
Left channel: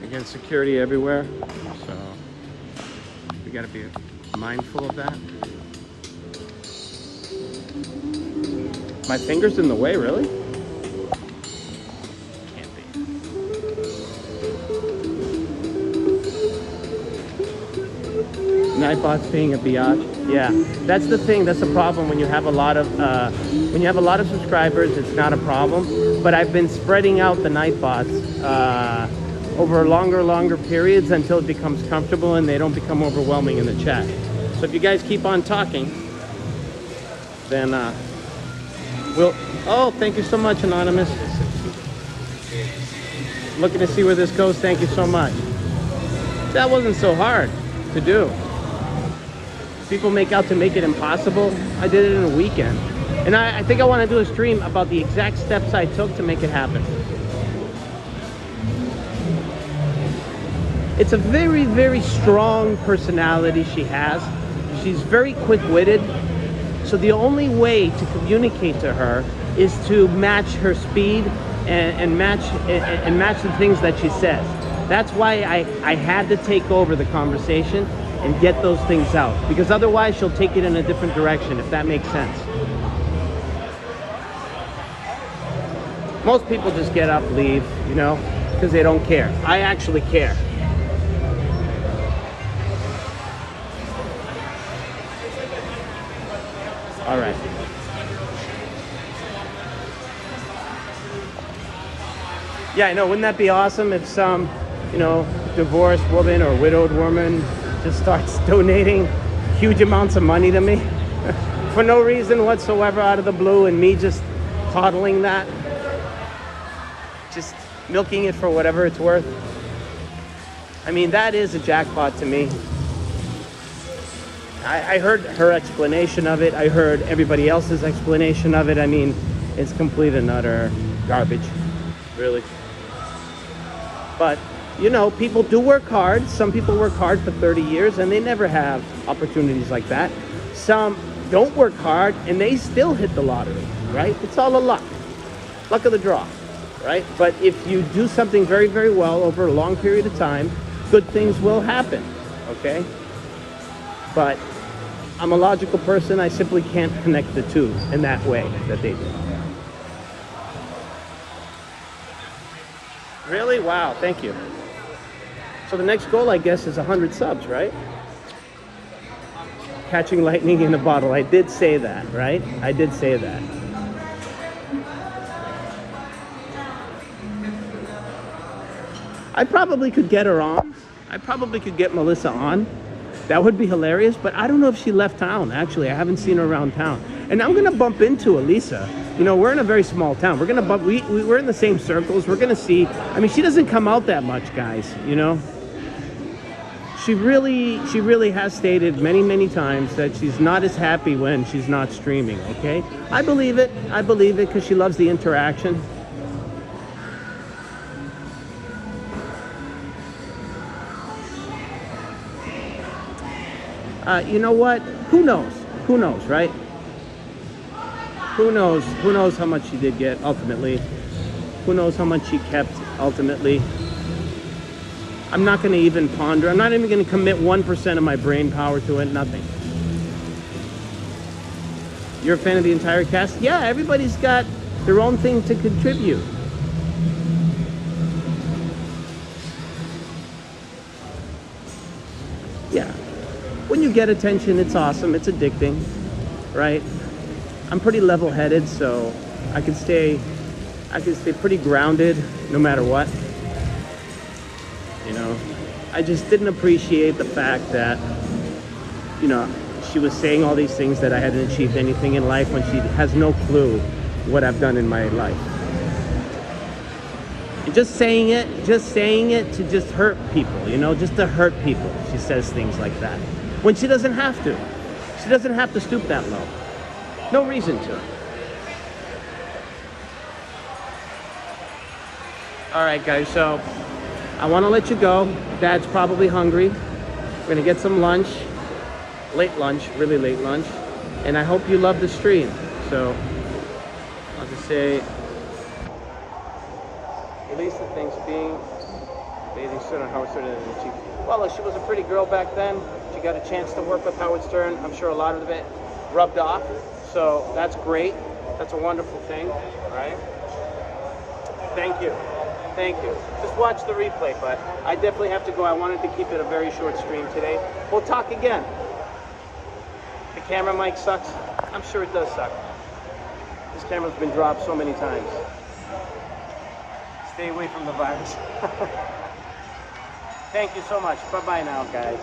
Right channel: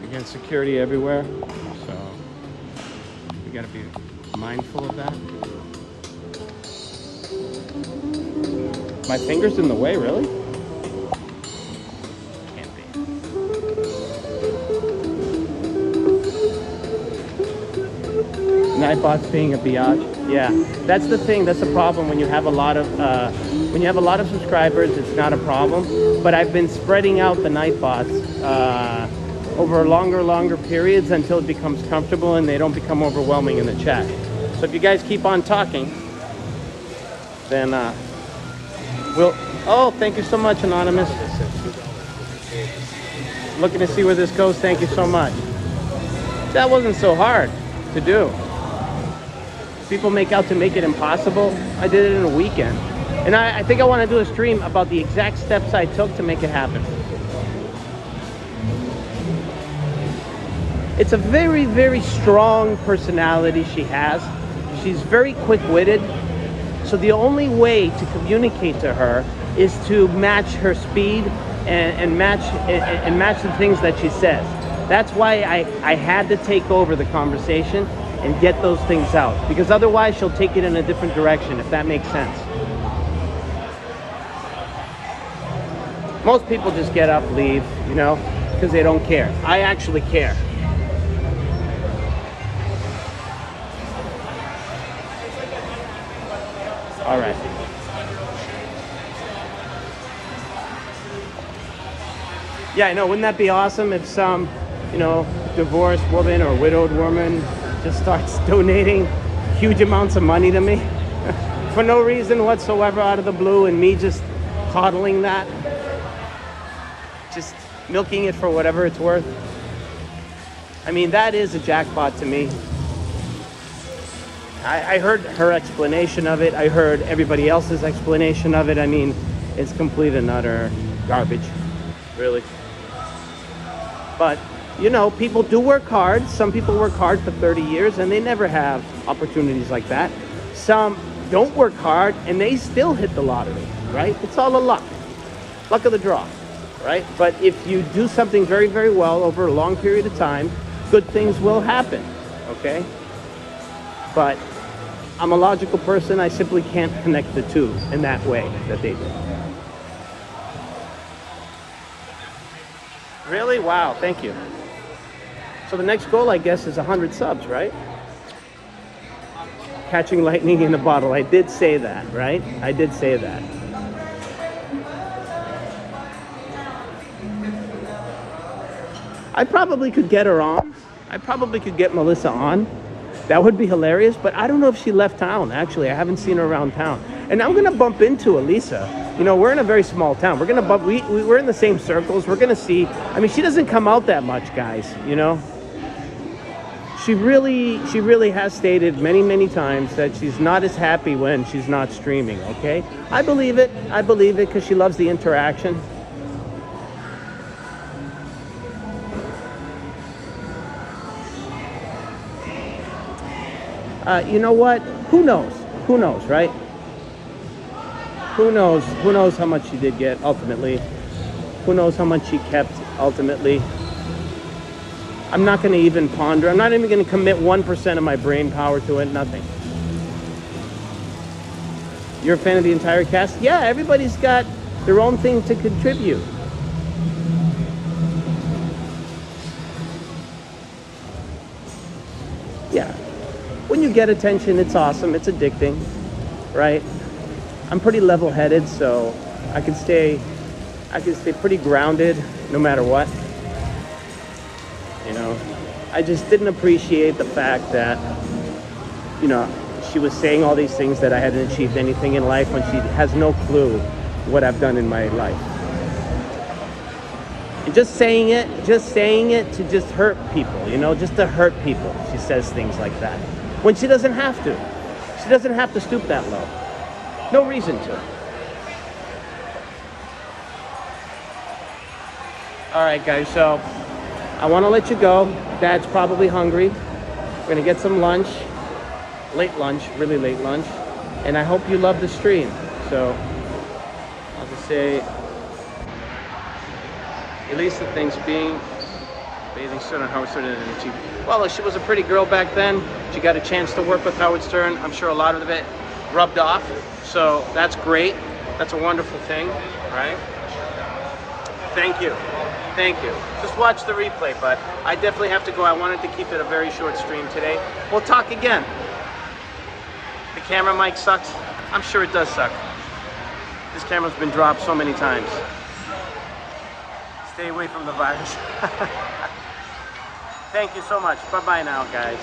Again, security everywhere, so we gotta be mindful of that. My finger's in the way, really? Can't be. Nightbot's being a biatch. Yeah, that's the thing. That's the problem when you have a lot of subscribers. It's not a problem. But I've been spreading out the Nightbots over longer periods until it becomes comfortable and they don't become overwhelming in the chat. So if you guys keep on talking, then oh, thank you so much, Anonymous. Looking to see where this goes. Thank you so much. That wasn't so hard to do. People make out to make it impossible. I did it in a weekend. And I think I want to do a stream about the exact steps I took to make it happen. It's a very, very strong personality she has. She's very quick-witted. So the only way to communicate to her is to match her speed and match the things that she says. That's why I had to take over the conversation and get those things out, because otherwise she'll take it in a different direction, if that makes sense. Most people just get up, leave, you know, because they don't care. I actually care. All right. Yeah, I know. Wouldn't that be awesome if some, you know, divorced woman or widowed woman just starts donating huge amounts of money to me for no reason whatsoever, out of the blue, and me just coddling that, just milking it for whatever it's worth. I mean, that is a jackpot to me. I heard her explanation of it. I heard everybody else's explanation of it. I mean, it's complete and utter garbage, really. But, you know, people do work hard. Some people work hard for 30 years and they never have opportunities like that. Some don't work hard and they still hit the lottery, right? It's all a luck of the draw, right? But if you do something very, very well over a long period of time, good things will happen, okay? But I'm a logical person. I simply can't connect the two in that way that they do. Really? Wow, thank you. So the next goal, I guess, is 100 subs, right? Catching lightning in a bottle. I did say that, right? I did say that. I probably could get her on. I probably could get Melissa on. That would be hilarious, but I don't know if she left town, actually. I haven't seen her around town. And I'm gonna bump into Elisa. You know, we're in a very small town. We're gonna bump, we're in the same circles. We're gonna see. I mean, she doesn't come out that much, guys, you know? She really has stated many, many times that she's not as happy when she's not streaming, okay? I believe it because she loves the interaction. You know what? Who knows? Who knows, right? Who knows? Who knows how much she did get ultimately? Who knows how much she kept ultimately? I'm not going to even ponder. I'm not even going to commit 1% of my brain power to it. Nothing. You're a fan of the entire cast? Yeah, everybody's got their own thing to contribute. Yeah. When you get attention, it's awesome. It's addicting, right? I'm pretty level-headed, so I can stay pretty grounded no matter what. You know, I just didn't appreciate the fact that, you know, she was saying all these things that I hadn't achieved anything in life when she has no clue what I've done in my life. And just saying it to just hurt people, you know, just to hurt people. She says things like that. When she doesn't have to. She doesn't have to stoop that low. No reason to. All right, guys, so I want to let you go. Dad's probably hungry. We're going to get some lunch. Late lunch, really late lunch. And I hope you love the stream. So I'll just say, Elisa thinks being bathing Stern and Howard Stern, and well, she was a pretty girl back then. She got a chance to work with Howard Stern. I'm sure a lot of it rubbed off. So that's great. That's a wonderful thing, right? Thank you. Thank you. Just watch the replay, but I definitely have to go. I wanted to keep it a very short stream today. We'll talk again. The camera mic sucks. I'm sure it does suck. This camera's been dropped so many times. Stay away from the virus. Thank you so much. Bye-bye now, guys.